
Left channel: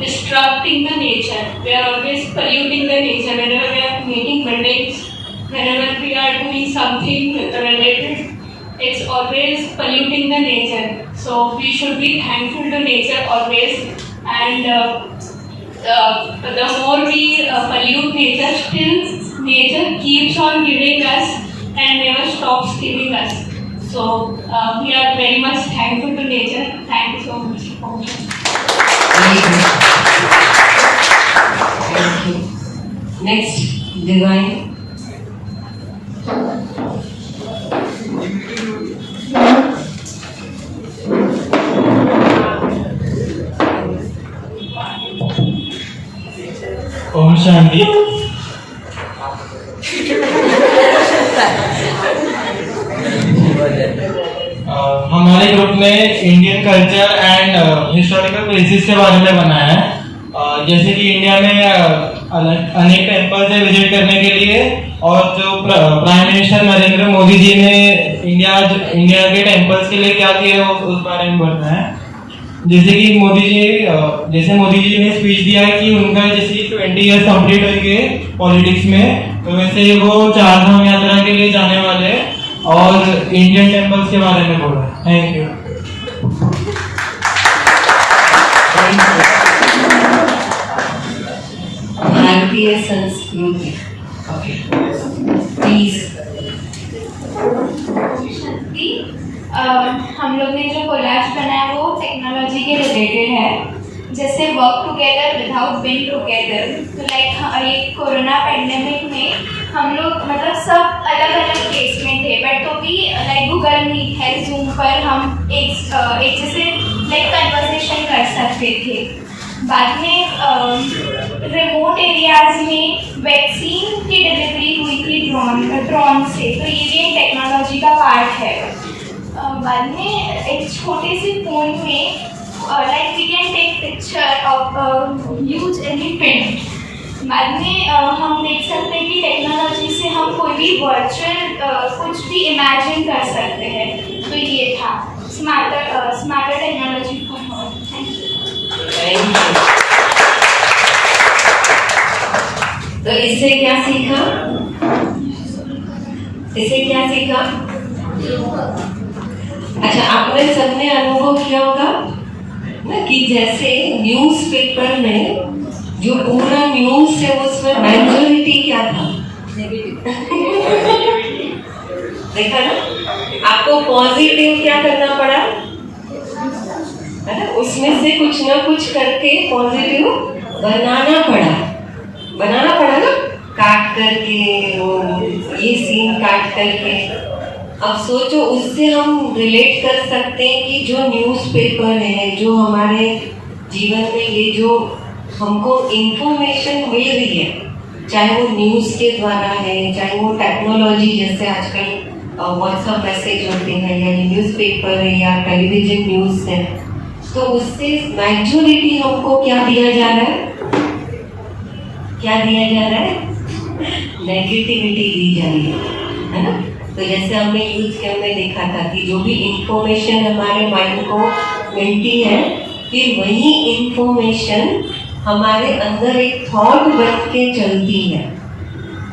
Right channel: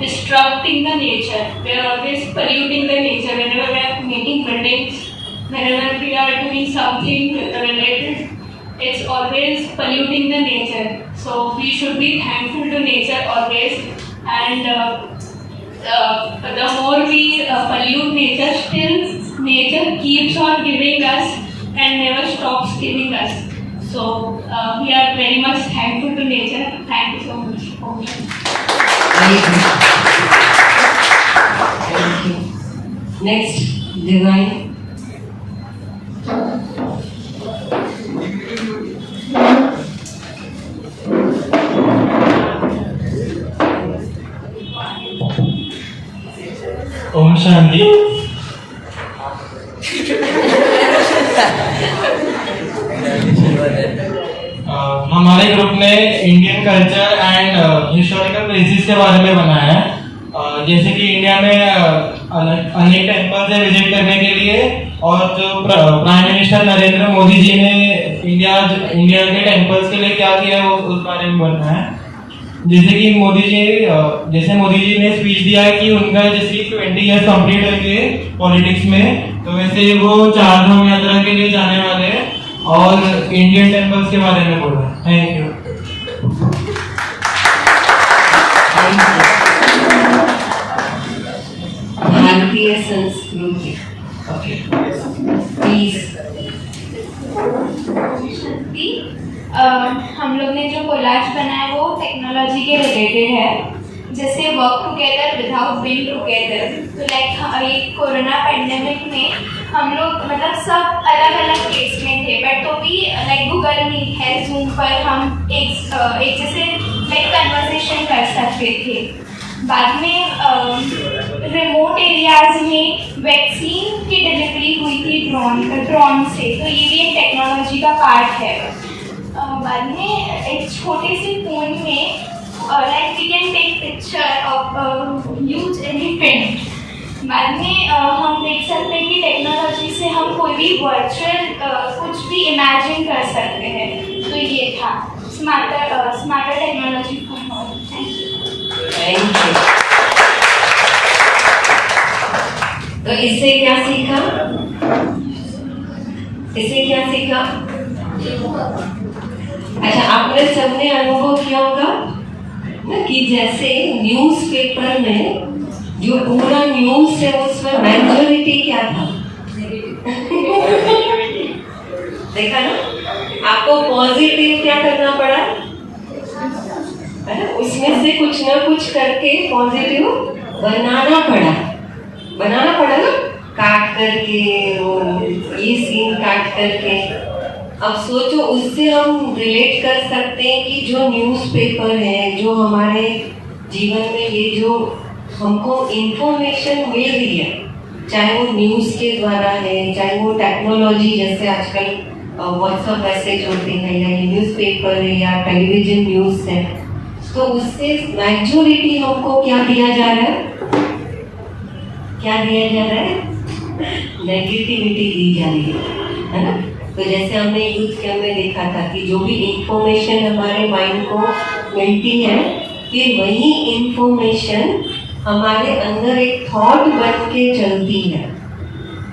disrupting the nature, we are always polluting the nature. Whenever we are making buildings, whenever we are doing something related, it's always polluting the nature. So we should be thankful to nature always, and the more we pollute nature, still nature keeps on giving us and never stops giving us. So we are very much thankful to nature. Thank you so much. Thank you. Next, Divine. Om Shanti. हमारे group ने Indian culture and historical places के बारे में बनाया है। जैसे कि India में अनेक टेम्पल्स है विजिट करने के लिए, और जो प्राइम मिनिस्टर नरेंद्र मोदी जी ने इंडिया के टेम्पल्स के लिए क्या किया है उस बारे में बताया है। जैसे कि मोदी जी ने स्पीच दिया है कि उनका जैसे 20 ईयर्स कंप्लीट हो गए पॉलिटिक्स में, तो वैसे वो 4 धाम यात्रा के लिए जाने वाले हैं और इंडियन टेम्पल्स के बारे में बोला। Thank you. भारतीय संस्कृति प्लीज। हम लोग ने जो कोलाज बनाया वो टेक्नोलॉजी के रिलेटेड है, जैसे work together without being together. तो लाइक ये कोरोना पेंडेमिक में हम लोग मतलब सब अलग अलग प्लेस में थे, बट तो भी लाइक गूगल मीट है, जूम पर हम एक जैसे लाइक कन्वर्सेशन कर सकते थे। बाद में रिमोट एरियाज में वैक्सीन की डिलीवरी हुई थी ड्रोन से, तो ये भी एक टेक्नोलॉजी का पार्ट है। बाद में एक छोटे से फोन में like we can take picture of huge elephant. बाद में हम देख सकते हैं कि टेक्नोलॉजी से हम कोई भी वर्चुअल कुछ भी इमेजिन कर सकते हैं। तो ये था smarter technology for all. Thank you. तो इससे क्या सीखा? अच्छा, आपने सबने अनुभव किया होगा ना कि जैसे न्यूज़पेपर में जो पूरा न्यूज़ है उसमें मेजॉरिटी क्या था? देखा ना, आपको पॉजिटिव क्या करना पड़ा है ना, उसमें से कुछ ना कुछ करके पॉजिटिव बनाना पड़ा ना, काट करके और ये सीन काट करके। अब सोचो, उससे हम रिलेट कर सकते हैं कि जो न्यूज़पेपर है, जो हमारे जीवन में ये जो हमको इंफॉर्मेशन मिल रही है, चाहे वो न्यूज़ के द्वारा है, चाहे वो टेक्नोलॉजी जैसे आजकल व्हाट्सएप मैसेज होते हैं, या न्यूज़पेपर है या टेलीविजन न्यूज़ है, तो उससे मेजॉरिटी हमको क्या दिया जा रहा है? नेगेटिविटी दी जा रही है ना। तो जैसे हमने यूथ कैंप में देखा था कि जो भी इंफॉर्मेशन हमारे माइंड को मिलती है, फिर वही इंफॉर्मेशन हमारे अंदर एक थॉट बन के चलती है।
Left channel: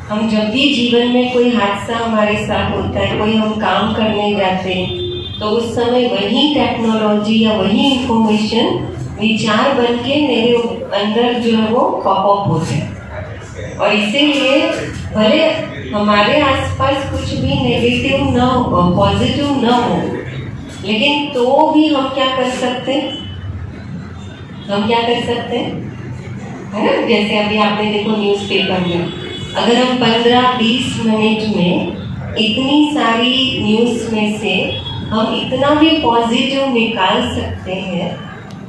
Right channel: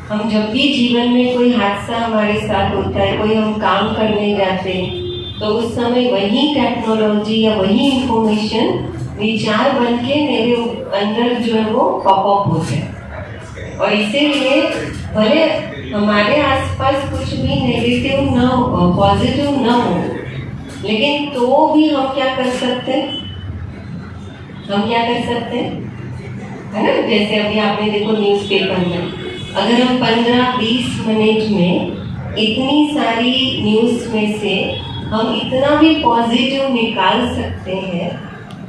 हम जब भी जीवन में कोई हादसा हमारे साथ होता है, कोई हम काम करने जाते हैं, तो उस समय वही टेक्नोलॉजी या वही इंफॉर्मेशन विचार बन के मेरे अंदर जो है वो पॉपअप होते हैं। और इसीलिए भले हमारे आसपास कुछ भी नेगेटिव ना हो, पॉजिटिव ना हो, लेकिन तो भी हम क्या कर सकते हैं? है ना, जैसे अभी आपने देखो न्यूज़पेपर में, अगर हम 15-20 मिनट में इतनी सारी न्यूज़ में से हम इतना भी पॉजिटिव निकाल सकते हैं,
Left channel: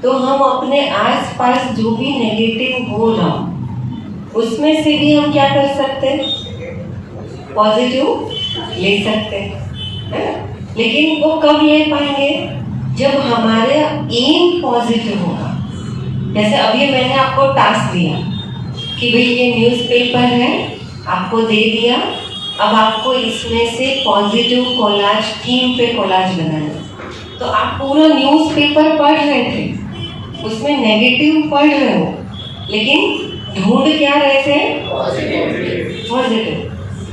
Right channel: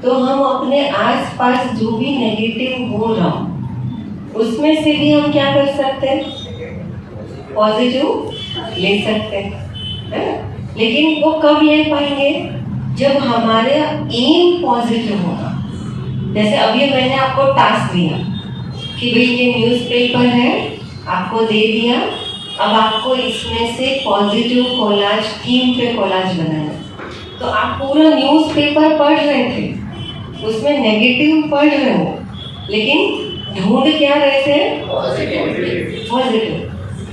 तो हम अपने आसपास जो भी नेगेटिव हो रहा उसमें से भी हम क्या कर सकते हैं? पॉजिटिव ले सकते हैं, है ना। लेकिन वो कब ले पाएंगे? जब हमारे एम पॉजिटिव होगा। जैसे अभी मैंने आपको टास्क दिया कि भाई ये न्यूज़पेपर है, आपको दे दिया, अब आपको इसमें से पॉजिटिव कोलाज, थीम पे कोलाज बनाना। तो आप पूरा न्यूज़पेपर पढ़ रहे थे, उसमें नेगेटिव पढ़ रहे हो, लेकिन ढूंढ क्या रहे थे? पॉजिटिव।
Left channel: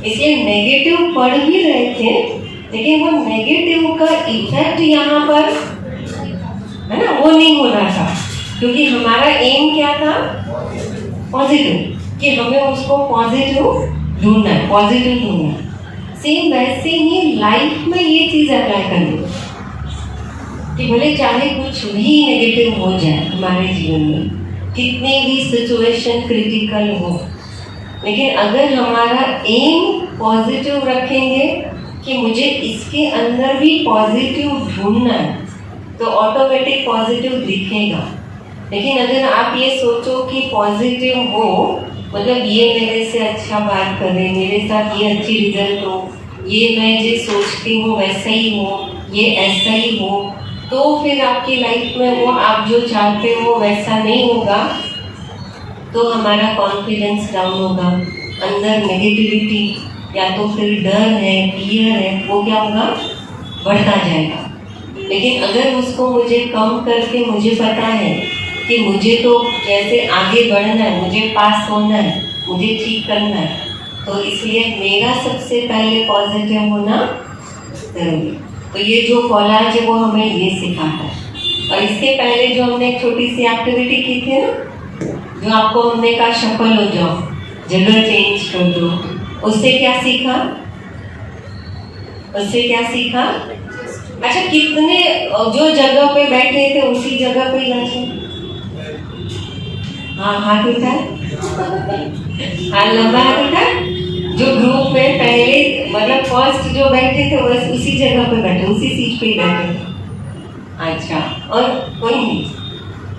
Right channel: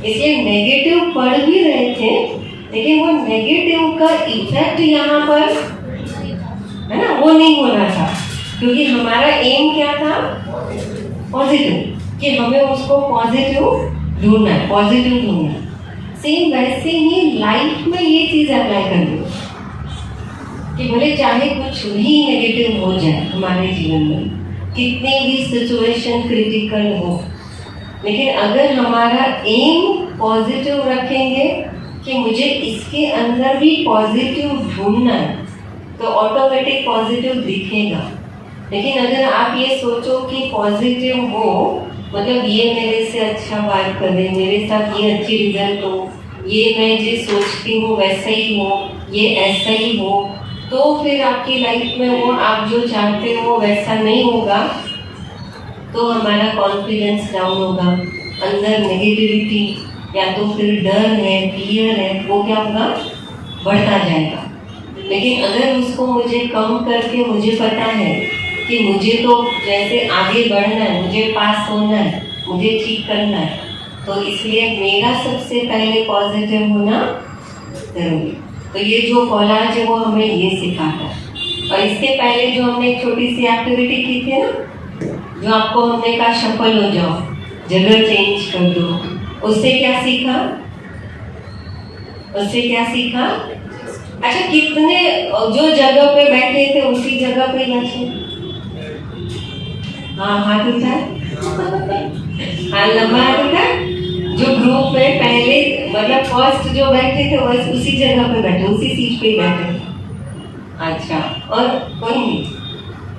इसलिए नेगेटिव पढ़ भी रहे थे, लेकिन वो नेगेटिव का इफेक्ट यहाँ पर, है ना, वो नहीं हो रहा था, क्योंकि हमारा एम क्या था? पॉजिटिव, कि हमें उसको पॉजिटिव ढूंढना है, पॉजिटिव ढूंढना है। सेम वैसे ही लाइफ में ये चीज़ अप्लाई करिए कि भले चाहे कुछ भी नेगेटिव हो जाए हमारे जीवन में, कितनी भी सिचुएशन क्रिटिकल हो, लेकिन अगर हमारा एम पॉजिटिव रखेंगे कि मुझे इसके अंदर भी पॉजिटिव ढूंढना है, तो ऑटोमेटिक पॉजिटिव दिखेगा। लेकिन अगर आप ये सोचो कि पॉजिटिव हो मतलब ये मेरे से अच्छा बात करे, मेरे साथ ये अच्छी रिजल्ट हो, ये मैं जो सोचती हूँ वैसा ही हो, ये ऐसा ही हो, तो फिर आपकी लाइफ में वो आप जो चाहते हो वैसा नहीं होगा, तो हमारा कॉन्फिडेंस डाउन होगा, अंदर नेगेटिविटी या तो फिर डर है, फियर है, वो क्या होगा, बढ़ता जाएगा। लेकिन अगर उसको मुझे कम करके मुझे पता है कि मुझे तो जैसे आगे बढ़ना है, मुझे पास होना है, मुझे ठीक करना है, तो इसलिए मेरा सबसे पहले पॉजिटिव होना जरूरी। तो ये जो कोलाज है वो हमें ये सिखाता है। और इसके पहले जो हमने एक छोटी सी एक्टिविटी की थी ना, जो आपको हमने कहा सफल हो जाओ, जगह चेंज कर दो, उससे क्या सीखा, उससे क्या सीखा? अच्छा, कितने जो जगह पे बैठे थे उसी जगह पे बैठे? हाँ, हाथ उठा, हाँ लंबा हाथ उठा। जो ग्रुप में पहले मतलब फर्स्ट जो बैठे थे बस उसी जगह पे बैठे, उसी सीट पे ही बैठे। अच्छा, और कोई नहीं?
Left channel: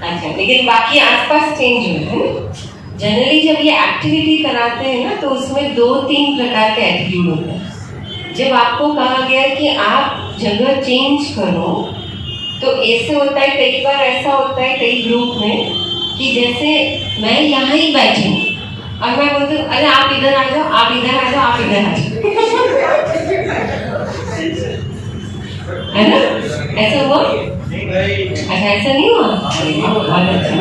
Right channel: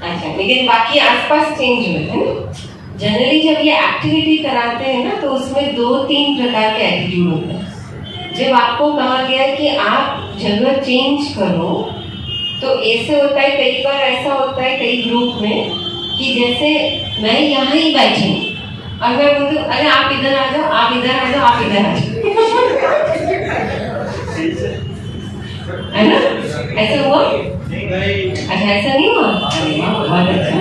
अच्छा, लेकिन बाकी आसपास चेंज हुए है ना। जनरली जब ये एक्टिविटी कराते हैं ना तो उसमें 2-3 प्रकार के एटीट्यूड होते हैं। जब आपको कहा गया है कि आप जगह चेंज करो, तो ऐसे होता है, कई बार ऐसा होता है कई ग्रुप में कि जैसे मैं यहाँ ही बैठी हूँ और मैं बोलती हूँ अरे आप इधर आ जाओ, आप इधर आ जाओ, आप इधर आ जाओ, है ना? ऐसा हुआ? अच्छा, ऐसा नहीं हुआ? अरे वाह, बहुत अच्छा।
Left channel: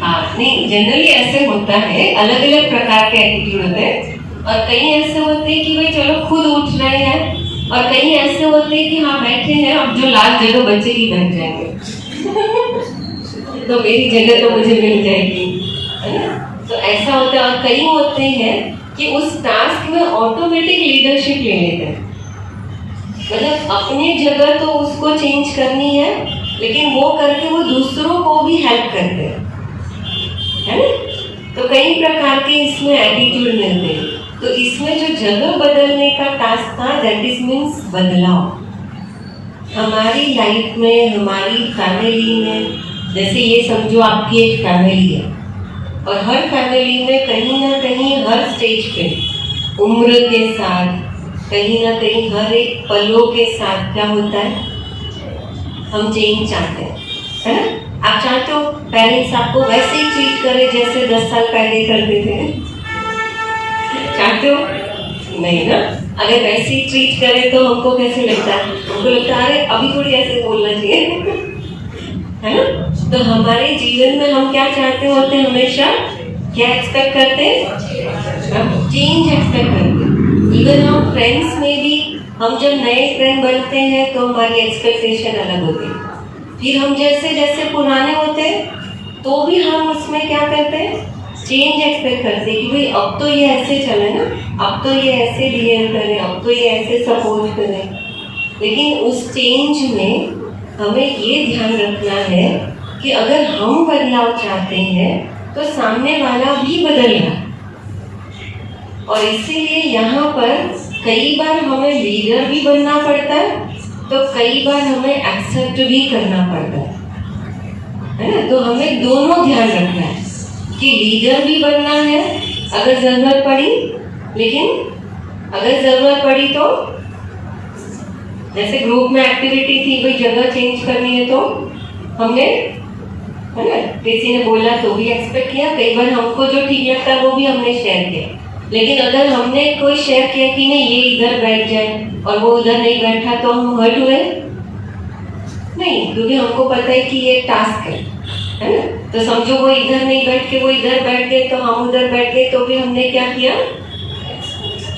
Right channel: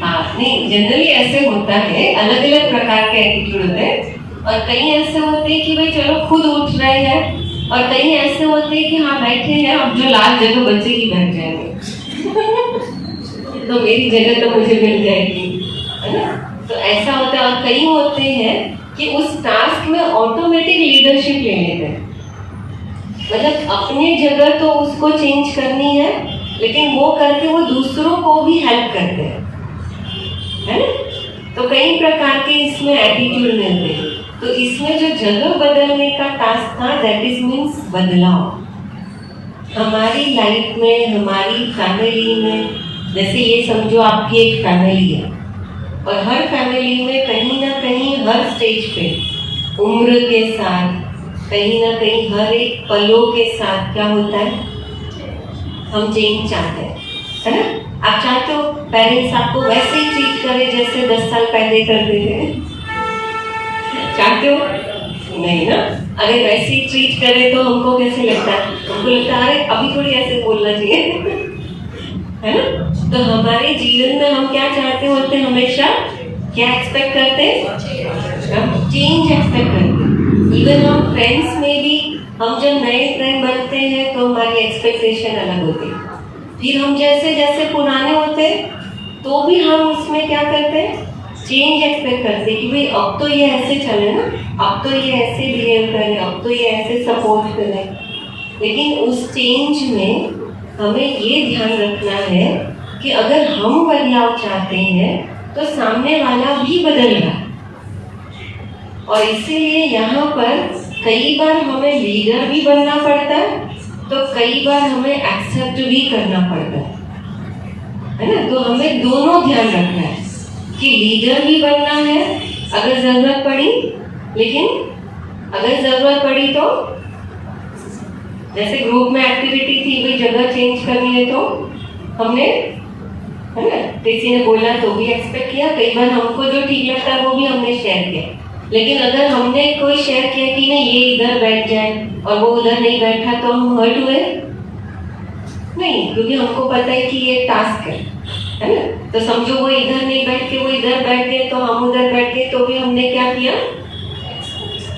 हाँ, नहीं, जनरली ऐसे होता है, अलग अलग प्रकार के एटीट्यूड होते हैं। और कई ऐसे होते हैं कि भाई चलो खुद उठ रहे हैं, और कई ऐसे होते हैं कि हाँ बैठे हैं, अब जो लास्ट जगह बचेगी बैठ जाएंगे तो मेरी जगह तो मुझे मिल जाएगी, है ना? तो ऐसा होता है। और कई होते हैं कि उस टास्क में ऑटोमेटिक लीडरशिप ले लेते हैं, मतलब अपनी जगह तो उसको चेंज करनी है, लेकिन वो करके वो दूसरों को भी हेल्प करते हैं, है ना? तो कई प्रकार के इसमें एटीट्यूड मिलते हैं। तो इसमें जो जगह बदलने का टास्क था, दैट इज मीन्स बदलाव। हमारी लाइफ में, हमारी फैमिली में, जैसे ये समझो आपकी एक फैमिली है, और हर फैमिली में कहीं ना कहीं हर स्टेज पे उम्र के साथ, कहीं ना कहीं हर एक पलों के साथ क्या होता है, हम चेंज चाहते हैं, है ना? आप चाहते हो पेरेंट्स आपको वैसे ही ट्रीट करे जैसे 10 साल पहले करते थे? चाहते हो? नहीं ना। अगर वैसे ही ट्रीट करे तो हमको कैसे लगता है? हमको लगता है अरे अभी थोड़ी ऐसे बोलना चाहिए, है ना? तो हमारे जीवन में हम क्या चाहते होते हैं, हमेशा क्या एक्सपेक्ट करते हैं? हम चेंज एक्सपेक्ट करते हैं। इवन हम फ्रेंड्स में भी, हम जब नए फ्रेंड बनते हैं तो हमारी एक्सपेक्टेशन अलग होती है। फिर हम जैसे जैसे पुराने होते हैं तो भी हम उसमें क्या करते हैं, चेंज एक्सपेक्ट करते हैं कि भाई अब तो ये ऐसे चले ना, अब तो ये ऐसे बिहेव करें, अब तो ये ऐसे सपोर्ट करें। लेकिन उस चेंज में हमें ये ध्यान रखना है कि अगर हम बदलाव चाहते हैं तो सामने वाला भी बदल रहा है। और इसीलिए यहाँ पर कई बार हमें लीडर भी बनना पड़ता है, तो कई बार हमें एक्सेप्ट भी करना पड़ता है ना? तो हमें दोनों ध्यान रखना है कि लीडर भी बनना है अगर जरूरत पड़ी, लेकिन अगर जरूरत पड़ी तो जैसे ग्रुप में एक्टिविटी थी, भाई जगह चेंज करनी है तो हमने, है ना, किसी ने बोला तो भी एक्सपेक्ट किया। कई बार हमको जो ठीक लगता है वो भी हमने शेयर किया। लेकिन अगर हमने कोई शेयर किया कि नहीं ये इधर बैठ जाए और वो उधर नहीं बैठा तो हम हर्ट हुए नहीं, क्योंकि हमको पता है कि ये टास्क है ना? तो समझो वो इधर नहीं बैठ के वो इधर बैठ गए तो हम उधर बैठ गए, तो भी हमने क्या किया,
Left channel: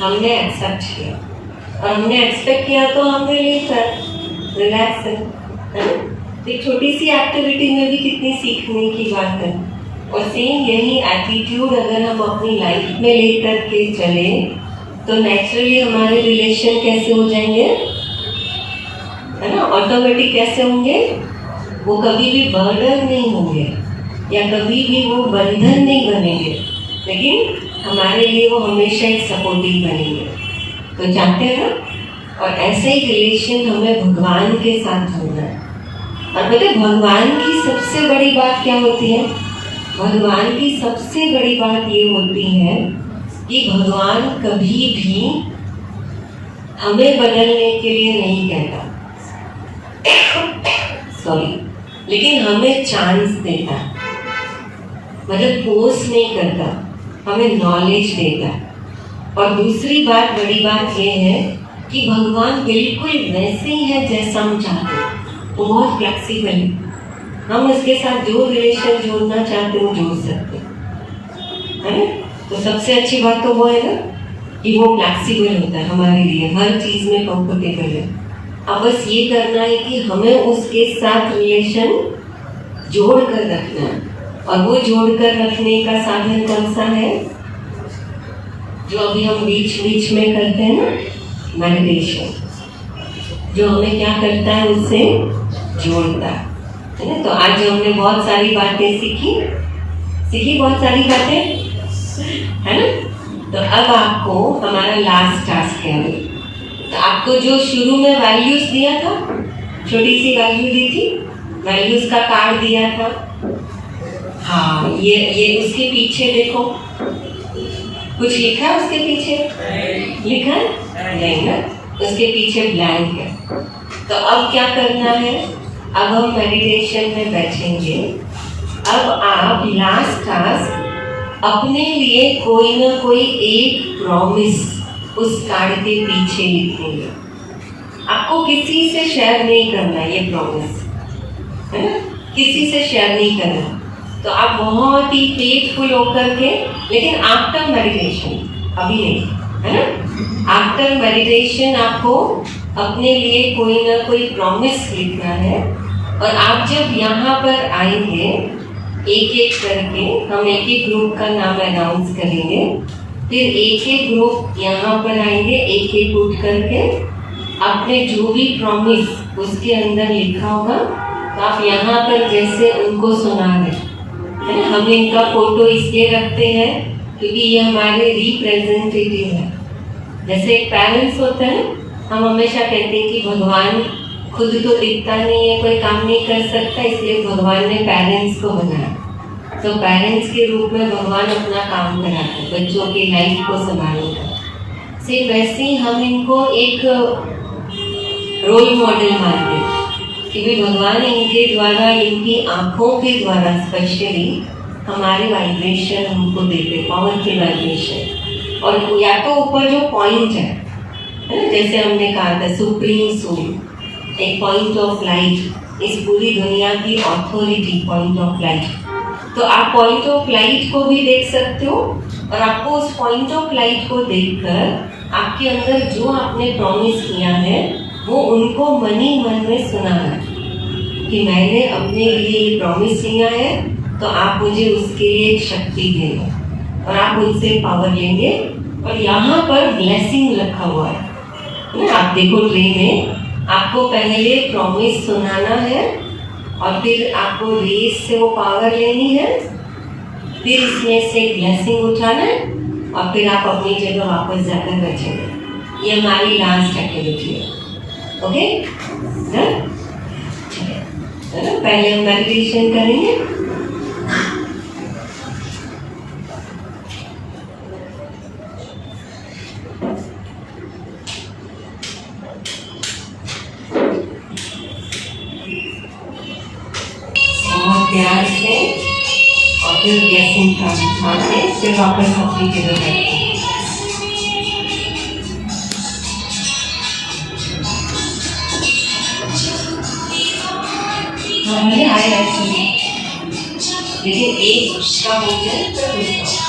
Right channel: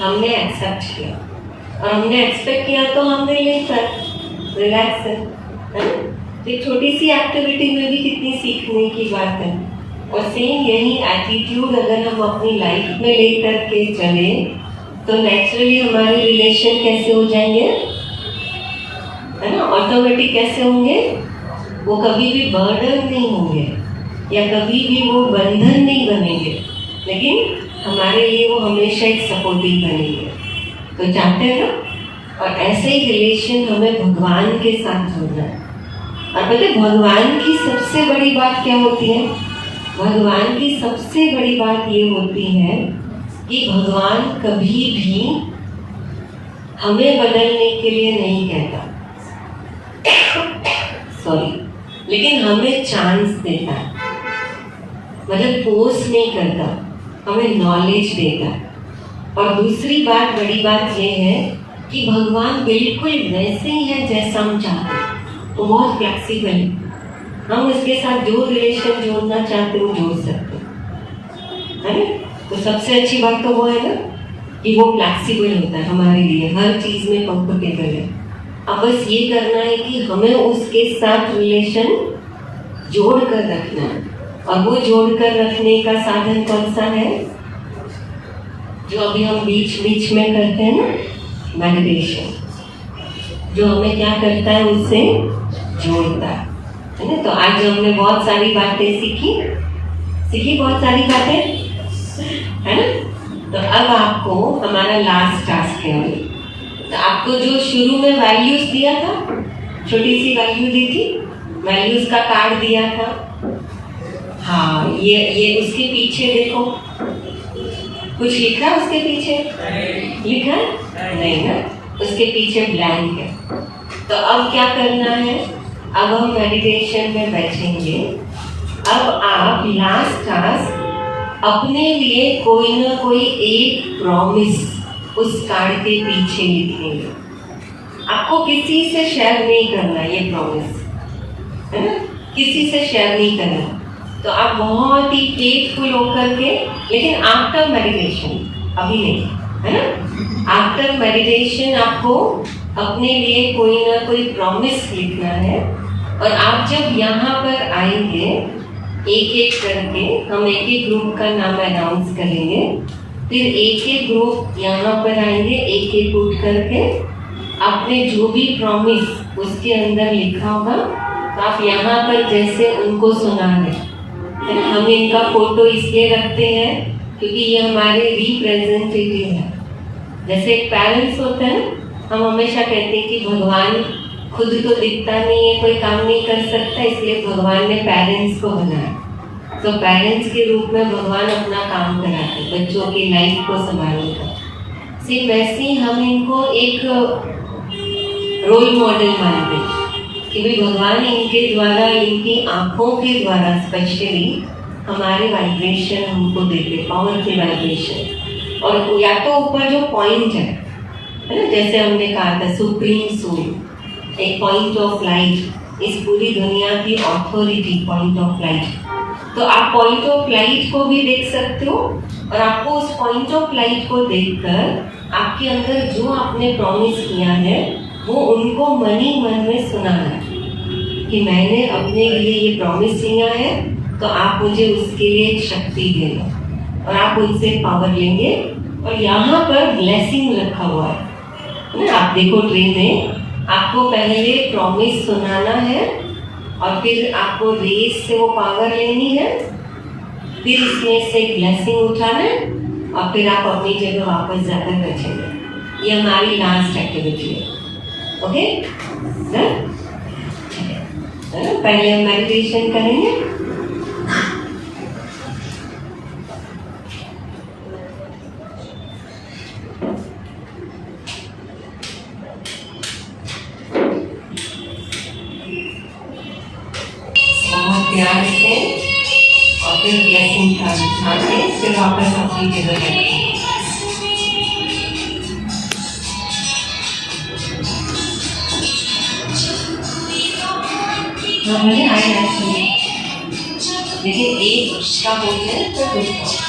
हमने एक्सेप्ट किया। और हमने एक्सपेक्ट किया तो हमने लेकर रिलैक्स है ना? तो छोटी सी एक्टिविटी में भी कितनी सीखने की बात है। और सेम यही एटीट्यूड अगर हम अपनी लाइफ में लेकर के चले तो नेचुरली हमारे रिलेशन कैसे हो जाएंगे, है ना? ऑटोमेटिक कैसे होंगे, वो कभी भी बर्डन नहीं होंगे या कभी भी वो बंधन नहीं बनेंगे, लेकिन हमारे लिए वो हमेशा एक सपोर्टिव बनेंगे। तो चाहते हैं ना? और ऐसे ही रिलेशन हमें भगवान के साथ होना है। और पता है भगवान की सबसे बड़ी बात क्या होती है? भगवान की सबसे बड़ी बात ये होती है कि भगवान कभी भी हमें बदलने के लिए नहीं कहता, सॉरी, लेकिन हमें चांस देता है, मतलब फोर्स नहीं करता, हमें नॉलेज देता है। और दूसरी बात, बड़ी बात ये है कि भगवान बिल्कुल वैसे ही है जैसा हम चाहते हैं, वो बहुत फ्लेक्सिबल है। हम उसके साथ जो रिलेशन जोड़ना चाहते हैं जोड़ सकते हैं, है ना? तो सबसे अच्छी बात तो वो है ना कि वो फ्लेक्सिबल होता है हमारे लिए, हर चीज में कंफर्टेबल है। अब बस ये करना है कि हमें उसके साथ रिलेशन जोड़ कर रखना है। और वो जोड़ कर रखने का साधन कौन सा है? जो अभी हम बीच बीच में करते हैं ना, मेडिटेशन, जो हमें क्या करता है, उससे जोड़ता है ना? तो आज हमने बहुत सारी बातें सीखी बहुत सारी बातें, है ना? तो अब आपको हमारा लास्ट टास्क है। तो आपको जो शुरू में वैल्यूज दिया था, छोटी सी वैल्यू दी थी, वैल्यूज का कार्ड दिया था, हाँ, ये उसके पीछे देखो, कुछ लिखा है उसके पीछे? लिखा है? नहीं ना, उसके पीछे ब्लैंक है। तो अब क्या करना है? अब हम मेडिटेशन में बैठेंगे। अब आप लास्ट टास्क अपने लिए कोई ना कोई एक प्रॉमिस उस कार्ड के पीछे लिखेंगे। आपको किसी से शेयर नहीं करना ये प्रॉमिस, है ना? किसी से शेयर नहीं करना। तो आप बहुत ही फेथफुल होकर के, लेकिन आफ्टर मेडिटेशन, अभी नहीं, है ना? आफ्टर मेडिटेशन आपको अपने लिए कोई ना कोई प्रॉमिस लिखना है। और आप जब यहाँ पर आएंगे, एक एक करके हम एक एक ग्रुप का नाम अनाउंस करेंगे, फिर एक एक ग्रुप यहाँ पर आएंगे, एक एक उठ करके आपने जो भी प्रॉमिस उसके अंदर लिखा होगा, तो आप यहाँ पर जैसे उनको सुना दें। हम इनका फोटो इसलिए रखते हैं क्योंकि ये हमारे रिप्रेजेंटेटिव है। जैसे एक पेरेंट्स होता है, हम हमेशा कहते हैं कि भगवान खुद तो दिखता नहीं है, कोई काम नहीं कर सकता, इसलिए भगवान ने पेरेंट्स को बनाया। तो पेरेंट्स के रूप में भगवान अपना काम कराते हैं, बच्चों की लाइफ को संभालने का। सिर्फ वैसे ही हम इनको एक रोल मॉडल मानते हैं कि भाई भगवान इनके द्वारा, इनकी आंखों के द्वारा स्पेशली हमारे वाइब्रेशन हमको देते, पावरफुल वाइब्रेशन। और या तो ऊपर जो पॉइंट है ना, जैसे हमने कहा था सुप्रीम सोल, एक पॉइंट ऑफ लाइट, इस पूरी दुनिया की अथॉरिटी, पॉइंट ऑफ लाइट। तो आप पॉइंट ऑफ लाइट को भी देख सकते हो, और आपको उस पॉइंट ऑफ लाइट को देखकर आपके अंदर जो आपने प्रॉमिस किया है वो उनको मन ही मन में सुना है कि मैंने अपने लिए ये प्रॉमिस किया है, तो आप मुझे उसके लिए एक शक्ति देना, और आप उनसे पावर लेंगे। और यहाँ पर ब्लेसिंग रखा हुआ है, आप देखो ट्रे में, आपको पहले प्रॉमिस सुनाना है और फिर आपको रेस से वो पावर लेनी है, फिर इसमें से ब्लेसिंग उठाना है, और फिर आप अपनी जगह वापस जाकर बैठेंगे। ये हमारी लास्ट एक्टिविटी है। ओके, पहले हम मेडिटेशन करेंगे। प्यार से, और फिर ब्लेसिंग खा के फिर वापस अपनी जगह बैठेंगे। मुझे आए ऐसे, लेकिन एक का भोजन तो दूसरा।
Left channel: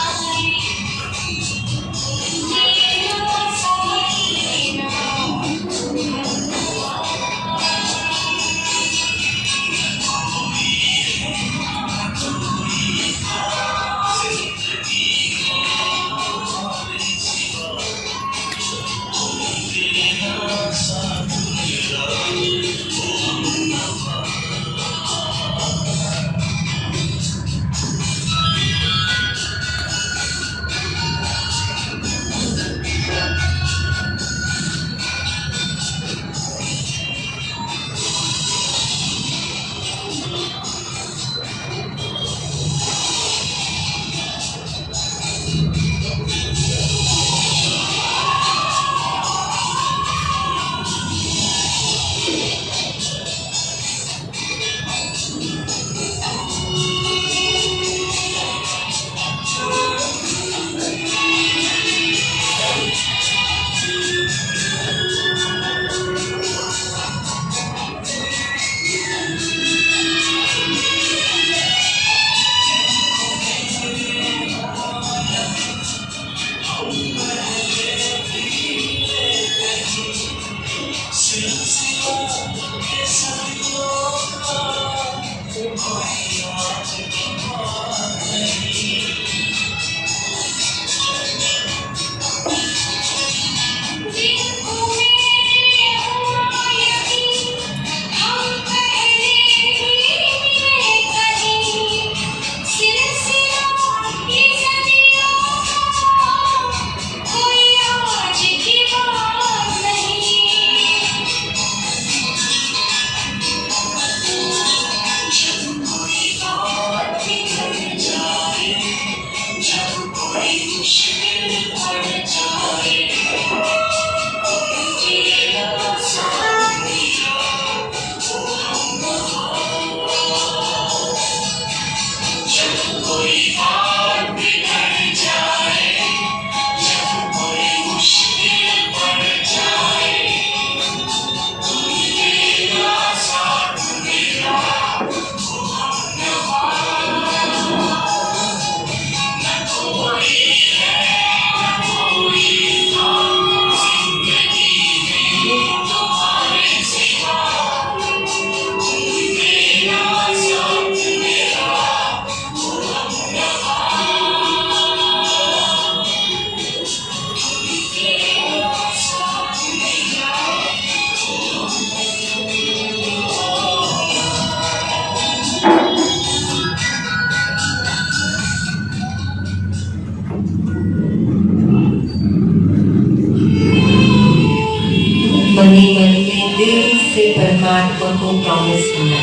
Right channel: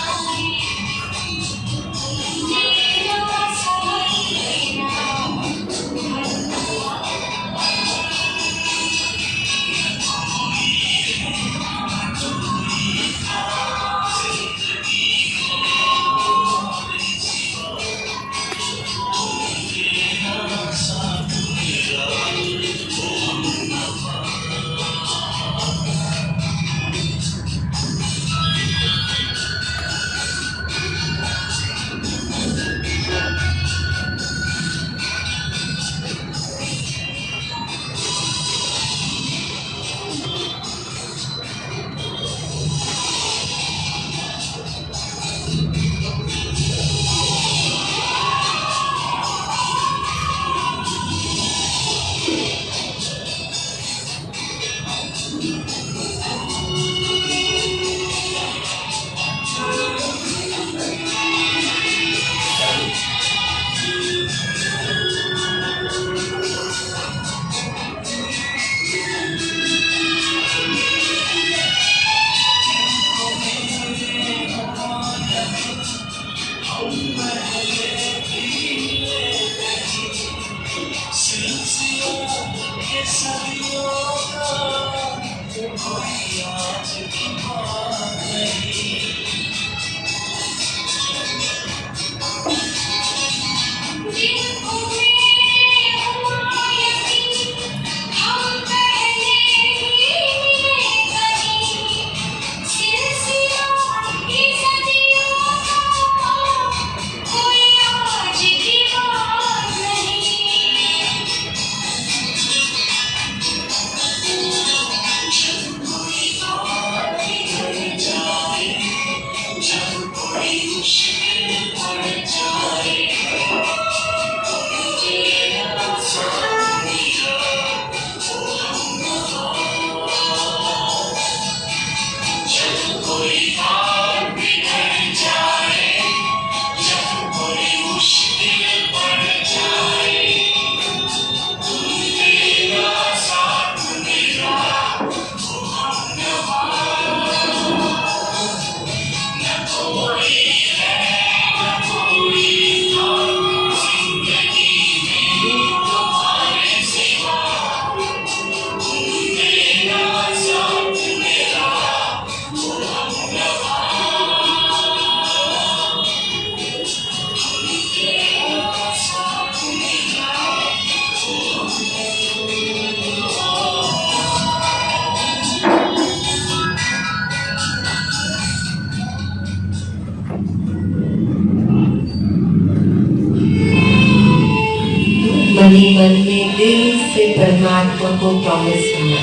दिल से परमात्मा को प्रॉमिस किया।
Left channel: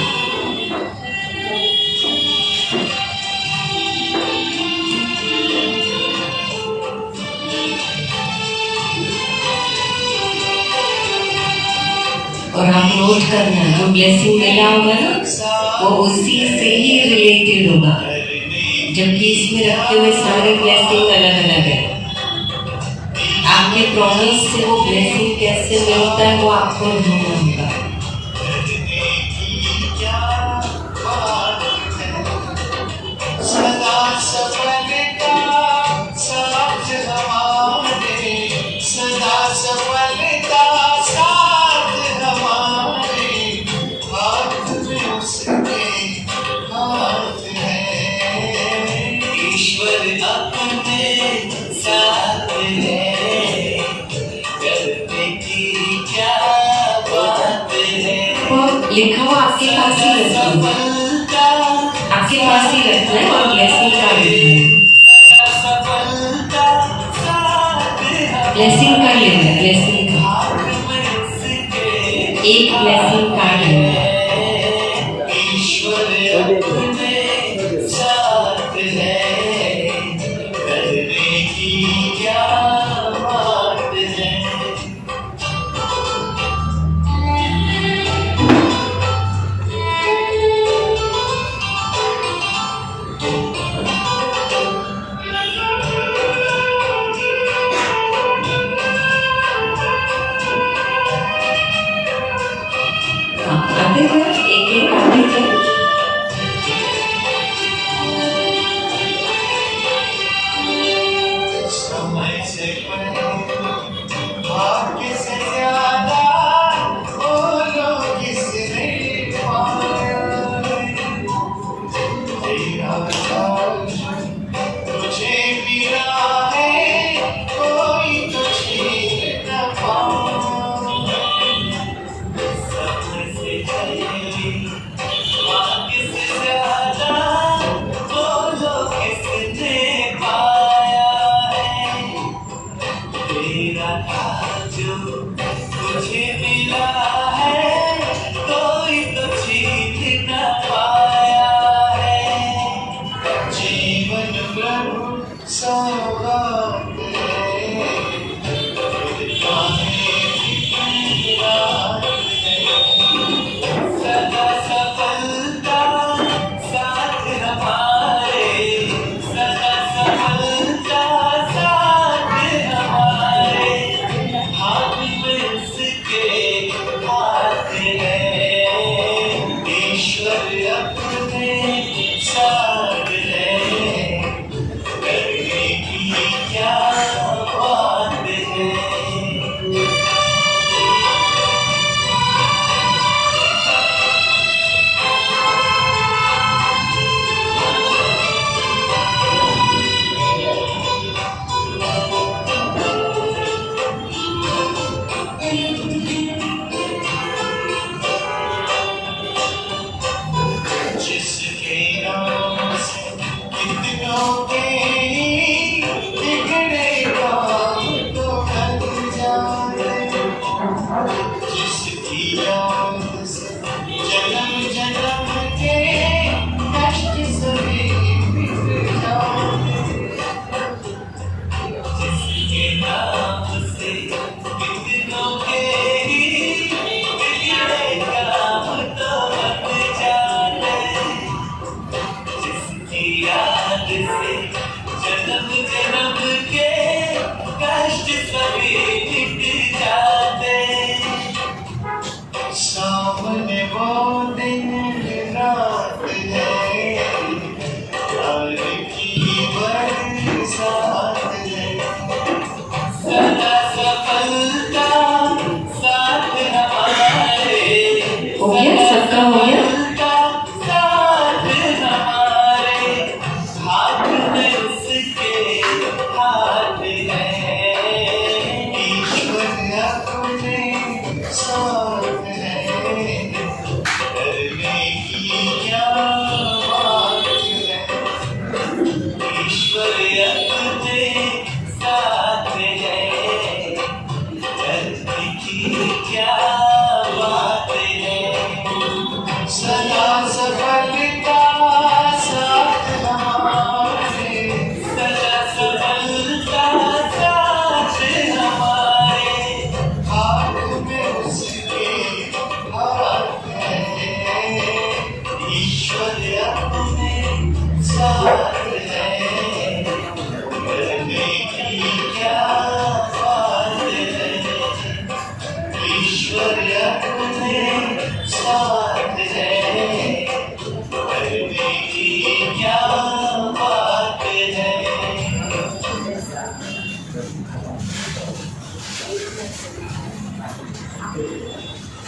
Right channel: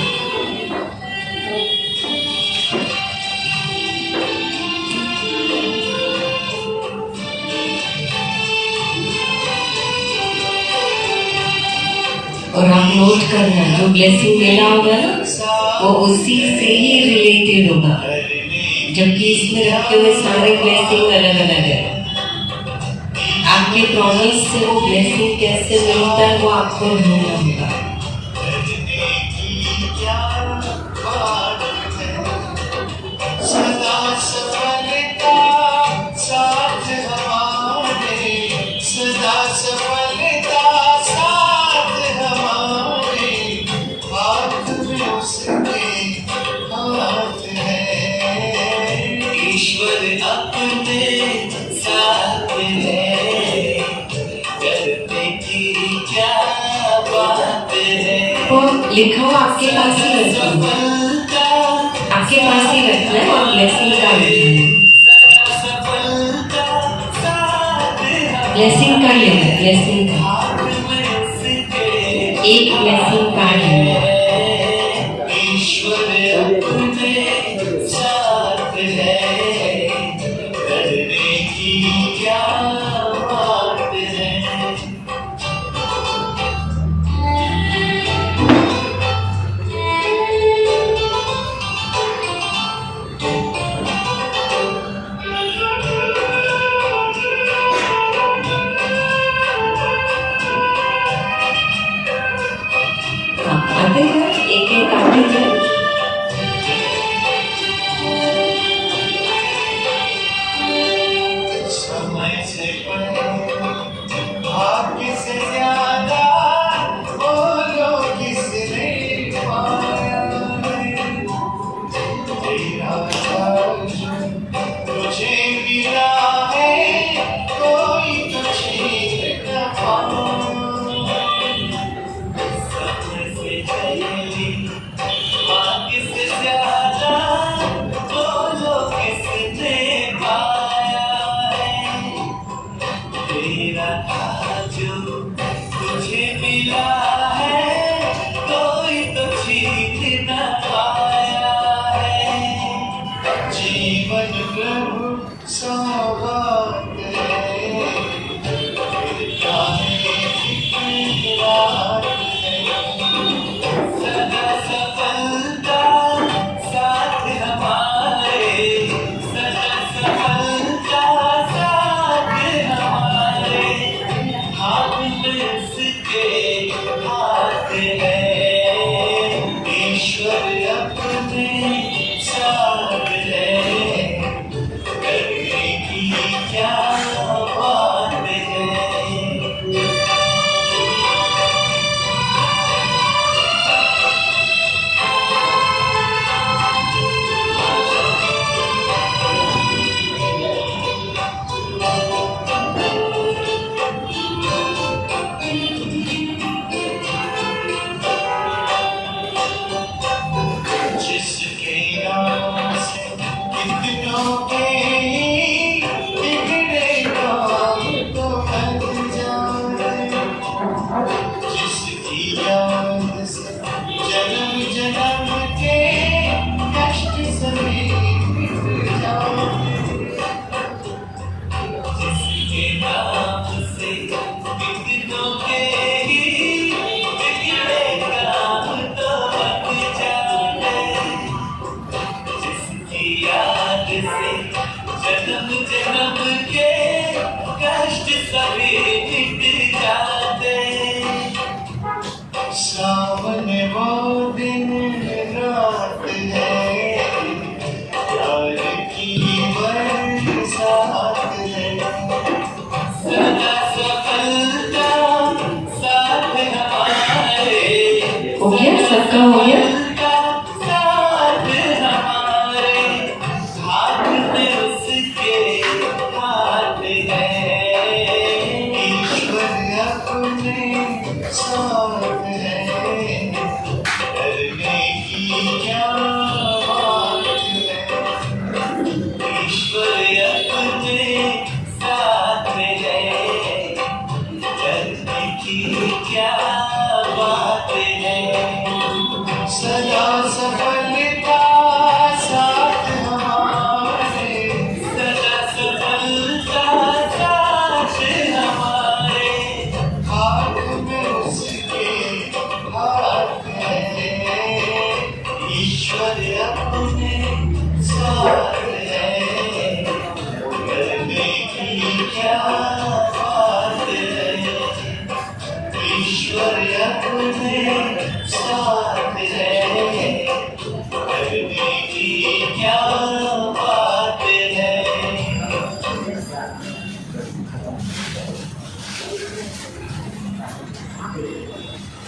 और आप नोट करना, जो ब्लेसिंग मिला होगा ना वो उसी से ही रिलेटेड होगा, जबकि इसमें रखे हुए सारे ब्लेसिंग अलग अलग है। आपके प्रॉमिस से वो ब्लेसिंग कैसे मिलता है वो आपको ढूंढना होगा। लिखा हुआ आपके पास ही रखना, आपके पास ही रखना है और ब्लेसिंग का ब्लेसिंग का लेना है, ब्लेसिंग का एक ब्लेसिंग कार्ड लेना है। एक एक आते थे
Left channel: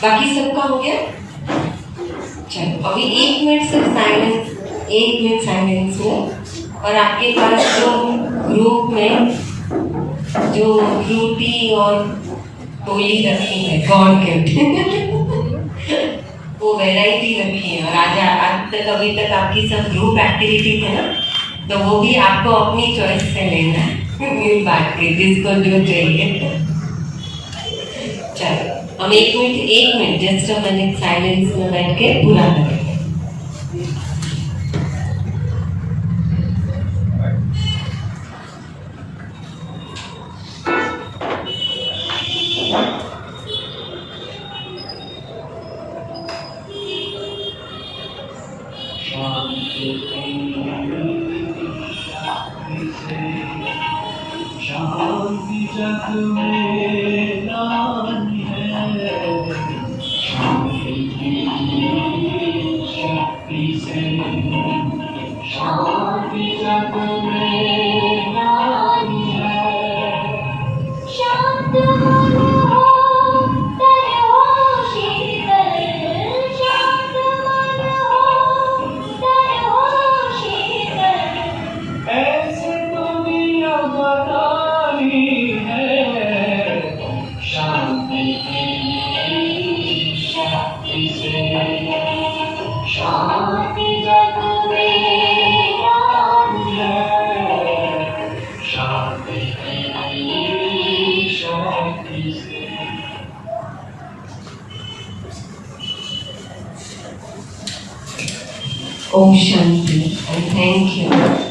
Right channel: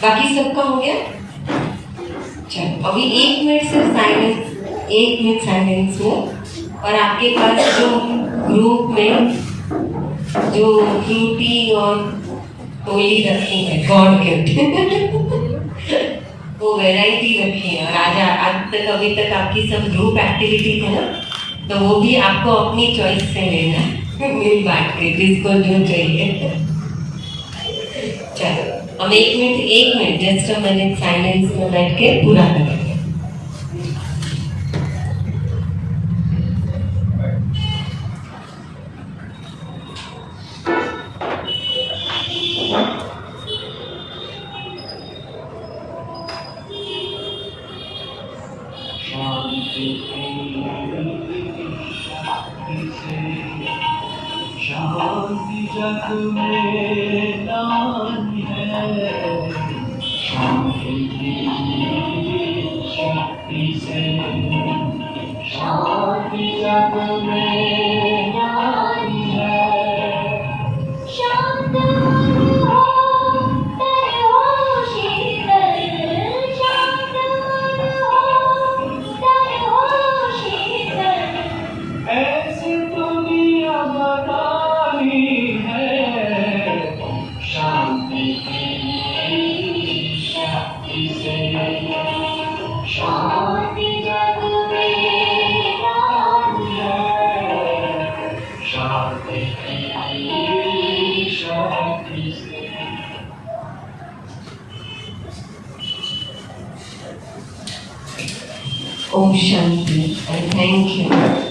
बाकी सबका हो गया? चलो अभी 1 मिनट सिर्फ साइलेंस, 1 मिनट साइलेंस हो। और आपके पास जो ग्रुप में जो फ्रूटी और टोली रखी है गॉड गिफ्ट वो वैरायटी रखी है। और आज तक अभी तक आपकी सब ग्रुप एक्टिविटी है ना, तो वो भी आपको अपनी चॉइस से लेना है मिल बांट के, जिसको जो चाहिए। चलो हम 1 minute just a minute silence में बैठ के पूरा करेंगे। शांति जग में नानी है, शांति शक्ति से, शांति जग में नानी है। शांत मन हो तन हो शीतल, शांत मन हो तन हो शीतल। ऐसी दुनिया बनानी है, शांति की शक्ति से, शांति जग में नानी है, शांति की शक्ति से। Om Shanti and thank you.